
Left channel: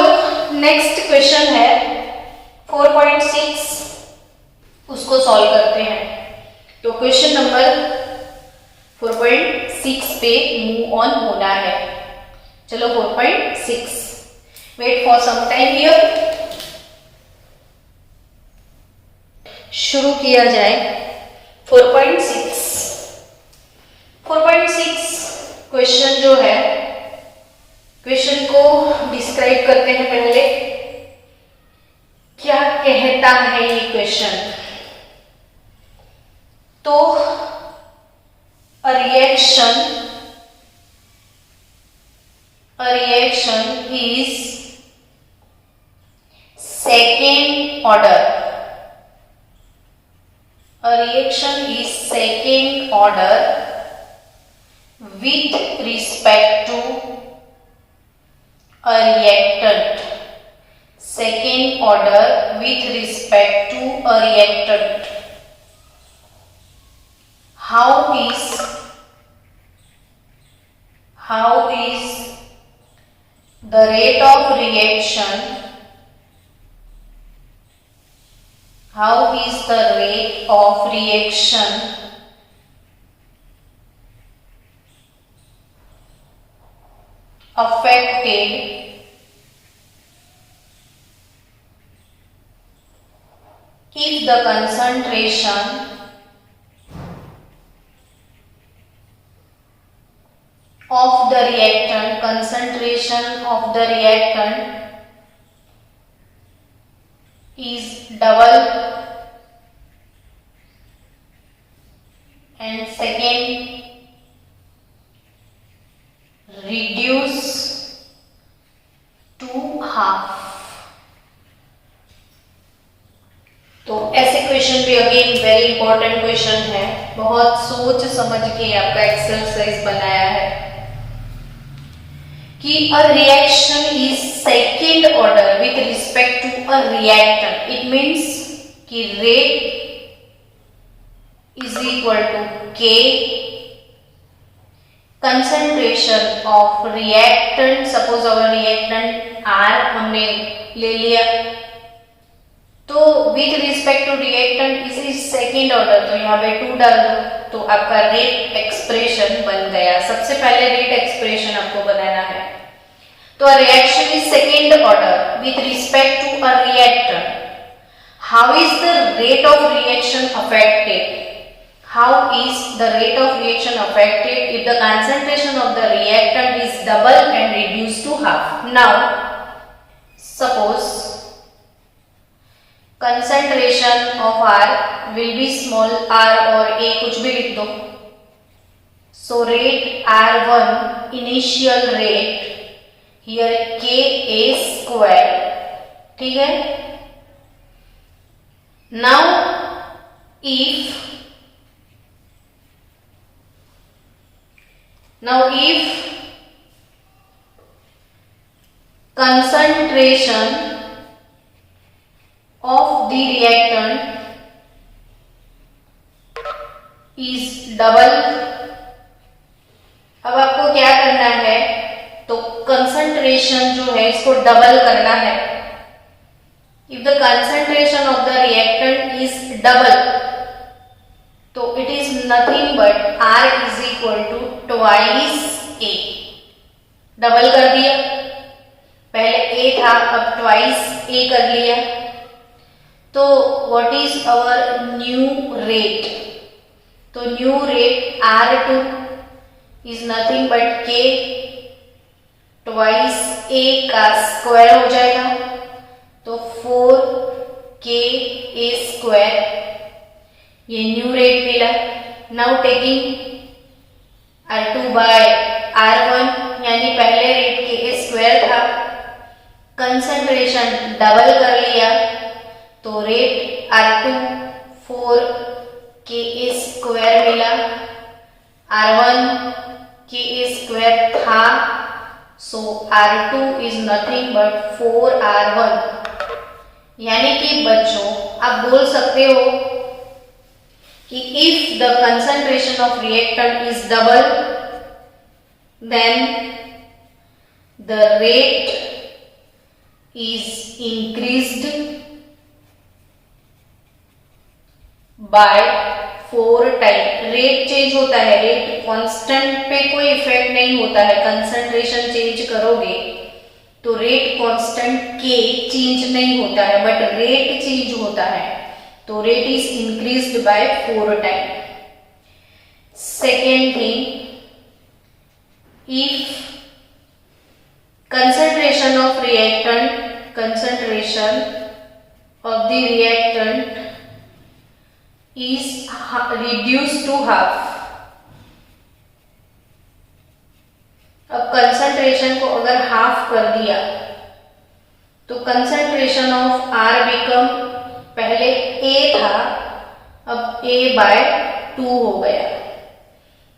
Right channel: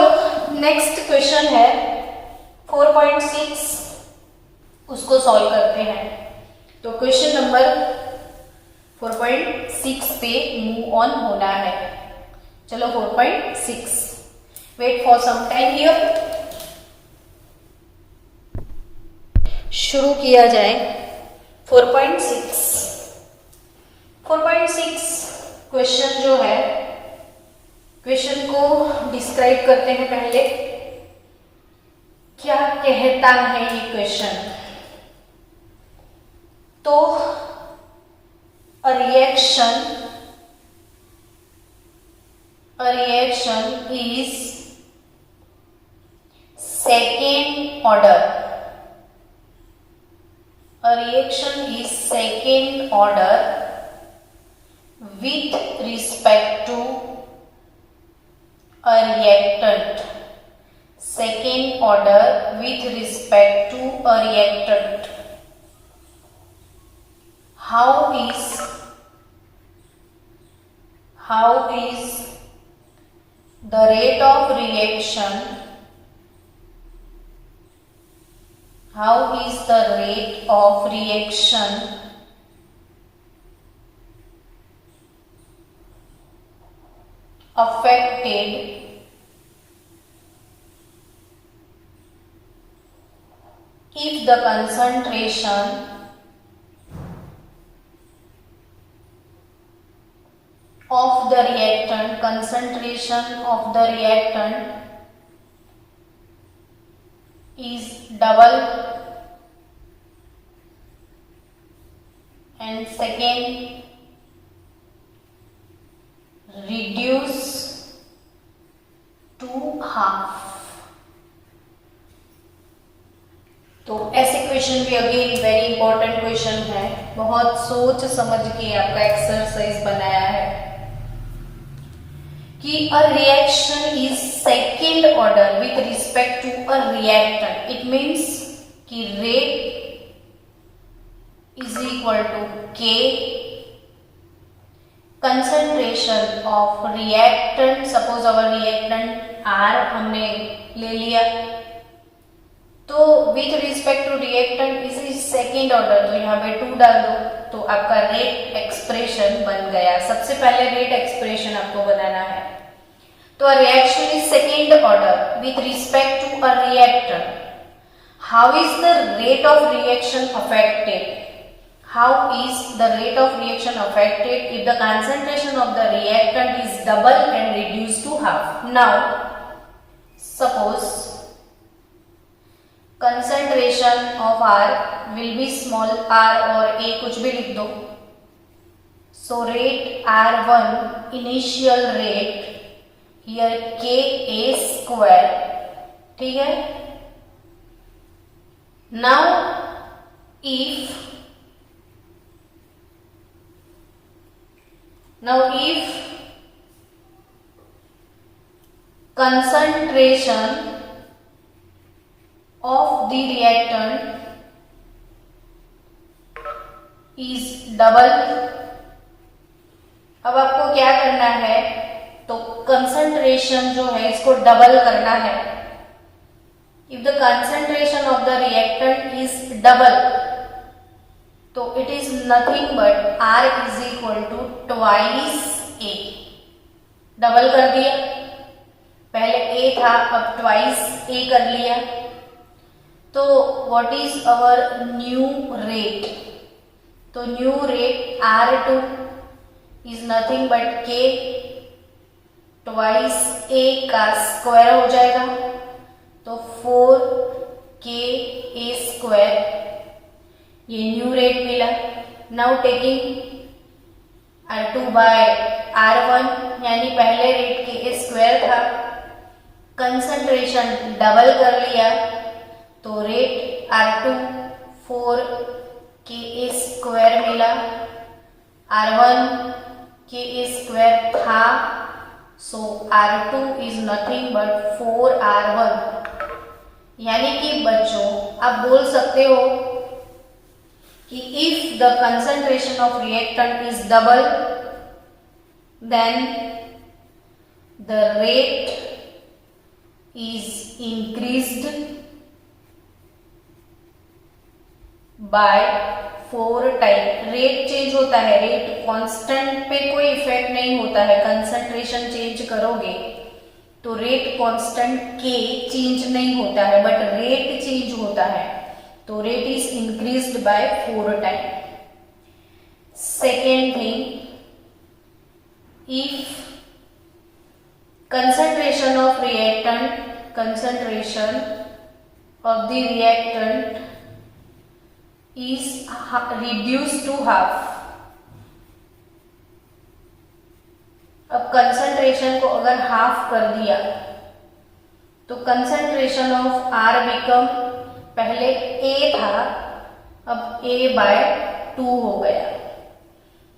नेक्स्ट क्वेश्चन है 4.6, उसको सॉल्व करते हैं। तो क्वेश्चन नंबर 4.6 पे मूव ऑन होना है। चलो 4.6, wait for some time here, शुरू किया जाए। 4.6 क्वेश्चन जो है, क्वेश्चन को डिस्क्राइब करते हैं पहले। क्या कहता है ये क्वेश्चन, तो a reaction is second order. A reaction is second order with respect to a reactant order with respect to a reactant. How is the rate of reaction? How is the rate of reaction affected if the concentration of the reactant is double, and second, reduce to half. तो ऐसे क्वेश्चन भी अगेन वेरी इंपॉर्टेंट क्वेश्चन है, बहुत सोच समझ के आपका एक्सरसाइज बनाया है कि a reaction is second order with respect to a reactant. It means कि rate is equal to K concentration of reactant. Suppose our reactant R हमने ले लिया, तो with respect to reactant is second order, तो यहाँ पे 2 डाल दो तो आपका रेट एक्सप्रेशन बन गया। सबसे पहले रेट एक्सप्रेशन आपको बनाना है। तो reaction is second order with respect to a reactant. How is the rate of reaction affected? How is the rate of reaction affected if the concentration of the reactant is double and reduced to half? Now suppose concentration of R will be small r और a कुछ भी लिख दो। So rate R1 initial rate here Ka square, ठीक है। Now if concentration of the reactant is double, अब आपको क्या करना है, तो कंसंट्रेशन जो है इसको डबल करना है। If the concentration of the reactant is double, तो it is nothing but R is equal to twice A। Double कर दिया, पहले A था अब ट्वाइस A कर लिया, तो what is our new rate? तो new rate R2 is nothing but K twice A का स्क्वायर हो जाएगा, तो 4KA स्क्वायर, ये न्यू रेट मिला। Now taking R2 by R1, यानी पहले रेट Ka स्क्वायर था, कंसंट्रेशन डबल कर लिया, तो रेट R2 4Ka स्क्वायर मिला, R1 Ka स्क्वायर था, सो R2 is nothing but 4R1। यानी कि बच्चों आप बोल सकते हो कि if the concentration of reactant is double then the rate is increased by 4 time. Rate change होता है, रेट कांस्टेंट पे कोई इफेक्ट नहीं होता है। कंसंट्रेशन चेंज करोगे तो रेट कांस्टेंट के चेंज नहीं होता है, बट रेट चेंज होता है, तो rate is increased by 4 time. Second thing, if concentration of the reactant is reduced to half। अब कंसंट्रेशन को अगर हाफ कर दिया तो कंसंट्रेशन ऑफ R बिकम, पहले A था अब A बाय 2 हो गया।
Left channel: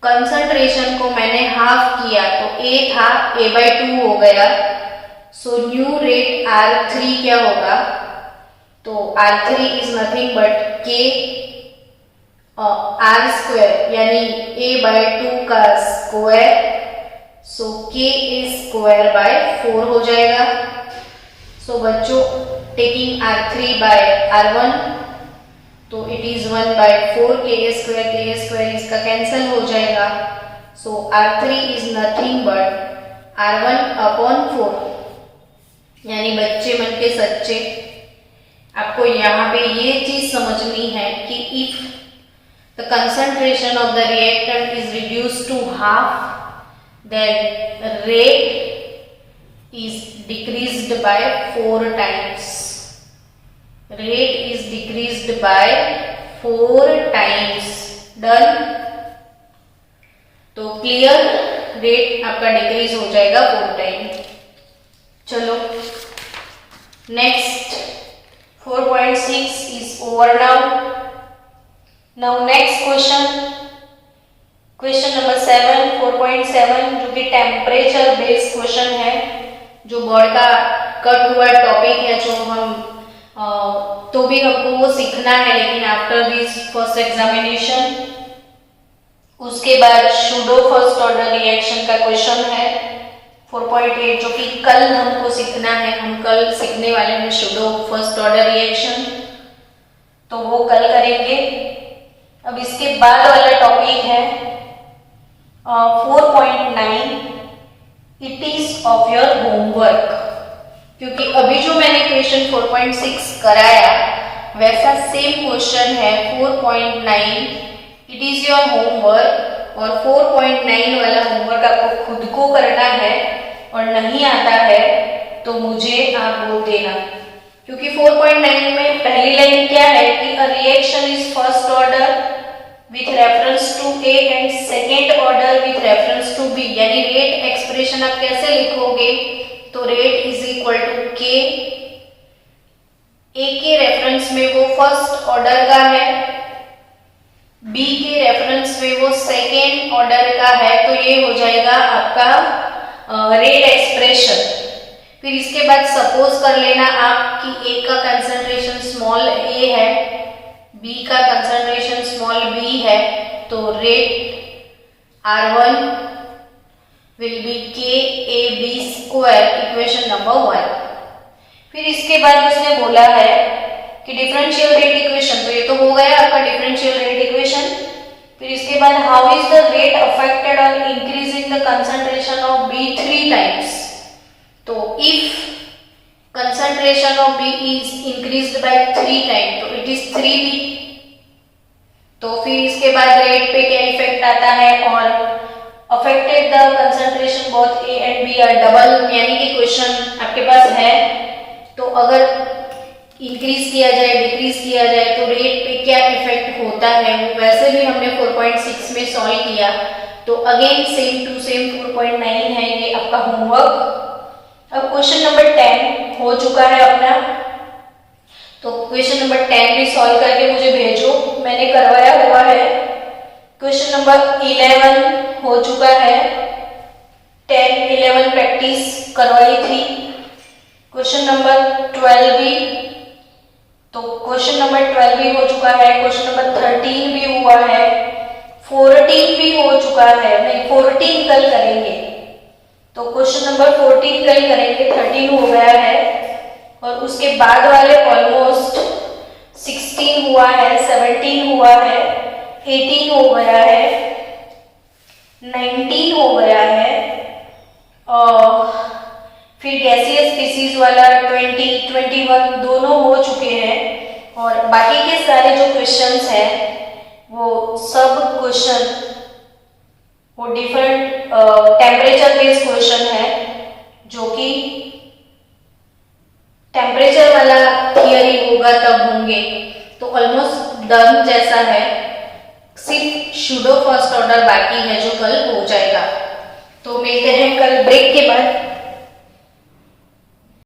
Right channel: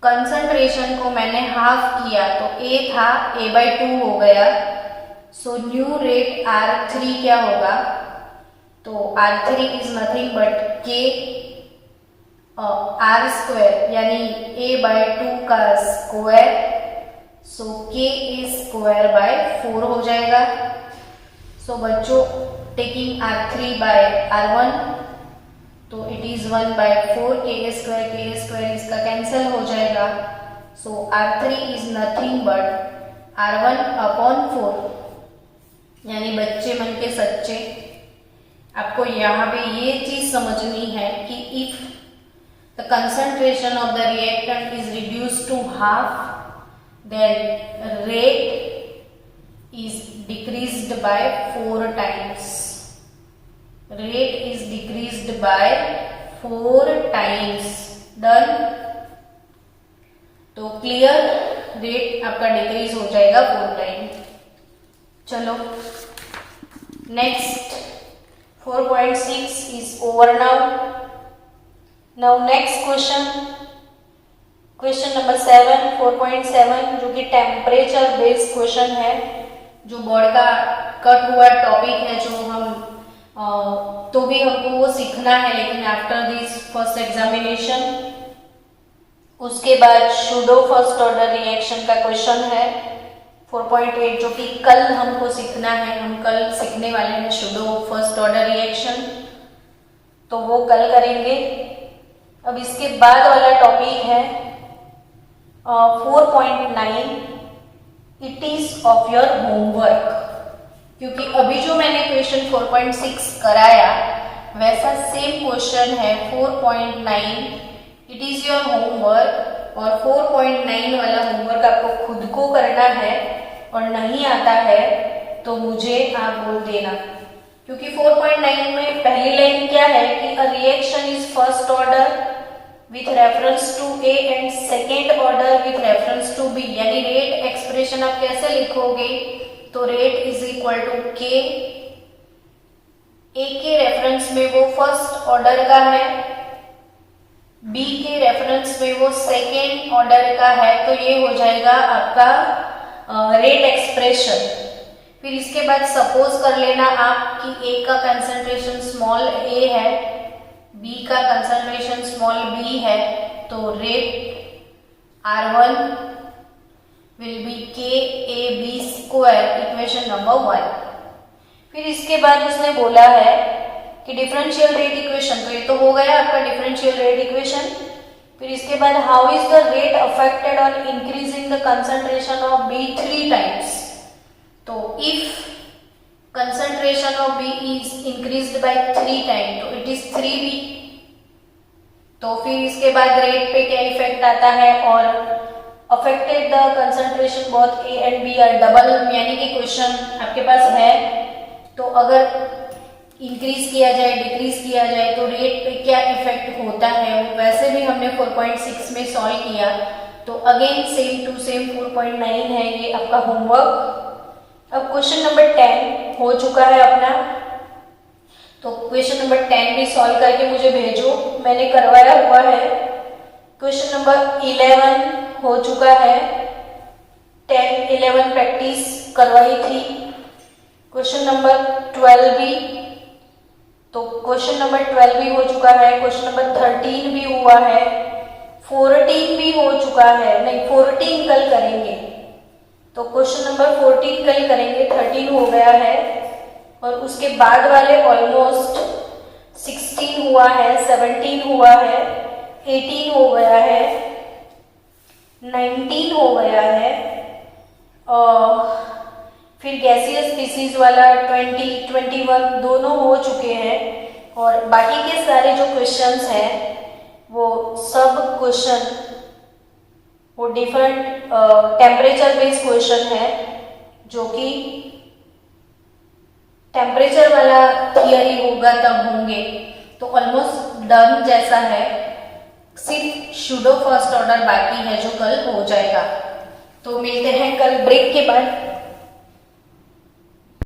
कंसंट्रेशन को मैंने हाफ किया तो A था A बाय 2 हो गया, सो न्यू रेट R3 क्या होगा, तो R3 is nothing but K R square यानी A/2 का square, so K is square by 4 हो जाएगा। सो बच्चों टेकिंग R3 बाय R1 तो इट इज 1/4 K स्क्वायर इसका कैंसिल हो जाएगा। सो R3 is nothing but R1/4 यानी बच्चे मन के सच्चे। आपको यहाँ पे ये चीज समझनी है कि if the concentration of the reactant is reduced to half then rate is decreased by 4 times. Rate is decreased by 4 times. Done. तो क्लियर, रेट आपका डिक्रीज हो जाएगा 4 टाइम। चलो next 4.6 is over now. Now next question number 7 4.7 जो कि टेम्परेचर बेस्ड क्वेश्चन है, जो बोर्ड का कट हुआ टॉपिक है, जो हम तो भी हमको वो सीखना है, लेकिन आफ्टर दिस फर्स्ट एग्जामिनेशन उसके बाद सूडो फर्स्ट ऑर्डर रिएक्शन का क्वेश्चन है 4.8 जो कि कल हमको सीखना है। हम कल सीखने वाले हैं सूडो फर्स्ट ऑर्डर रिएक्शन, तो वो कल करेंगे। अब इसके बाद वाला टॉपिक है 4.9 it is of your homework, क्योंकि अभी जो मैंने क्वेश्चन 4.6 कराया वैसा सेम क्वेश्चन है 4.9 इट इज योर होमवर्क। और 4.9 वाला होमवर्क आपको खुद को करना है, और नहीं आता है तो मुझे आप बोल देना, क्योंकि 4.9 में पहली लाइन क्या है कि a reaction is first order with reference to A and second order with reference to B, यानी रेट एक्सप्रेशन आप कैसे लिखोगे, तो rate is equal to K, A के रेफरेंस में वो फर्स्ट ऑर्डर का है, B के रेफरेंस में वो सेकेंड ऑर्डर का है, तो ये हो जाएगा आपका रेट एक्सप्रेशन। फिर इसके बाद सपोज कर लेना आप कि A का कंसंट्रेशन स्मॉल a है, B का कंसंट्रेशन स्मॉल b है, तो rate R1 will be KAB square, equation number 1। फिर इसके बाद इसने बोला है कि डिफरेंशियल रेट इक्वेशन, तो ये तो हो गया आपका डिफरेंशियल रेट इक्वेशन। फिर इसके बाद how is the rate affected on increasing the concentration of B 3 times, तो if concentration of B is increased by 3 times, तो it is 3B। तो फिर इसके बाद रेट पे क्या इफेक्ट आता है, और affected the concentration both A and B are double, यानी कि क्वेश्चन आपके पास है तो अगर इंक्रीज किया जाए डिक्रीज किया जाए तो रेट पे क्या इफेक्ट होता है, वो वैसे भी हमने 4.6 में सॉल्व किया। तो अगेन सेम टू सेम 4.9 है ये आपका होमवर्क। अब क्वेश्चन नंबर 10 हो चुका है अपना, तो क्वेश्चन नंबर 10 भी सॉल्व करके मुझे भेजो, मैंने करवाया हुआ है। क्वेश्चन नंबर 11 हो चुका है, 10 11 प्रैक्टिस करवाई थी। क्वेश्चन नंबर 12 भी, तो क्वेश्चन नंबर 12 भी हो चुका है, क्वेश्चन नंबर 13 भी हुआ है, 14 भी हो चुका है, नहीं 14 कल करेंगे, तो क्वेश्चन नंबर 14 कल करेंगे, 13 हो गया है। और उसके बाद वाले ऑलमोस्ट 16 हुआ है, 17 हुआ है, 18 हो गया है, 19 हो गया है, और फिर गैसियस स्पीसीज वाला 20 21 दोनों हो चुके हैं। और बाकी के सारे जो क्वेश्चंस हैं वो सब क्वेश्चन वो डिफरेंट टेम्परेचर बेस्ड क्वेश्चन है, जो कि टेम्परेचर वाला थियरी होगा तब होंगे, तो ऑलमोस्ट डन जैसा है, सिर्फ सूडो फर्स्ट ऑर्डर बाकी है जो कल हो जाएगा। तो मिलते हैं कल ब्रेक के बाद।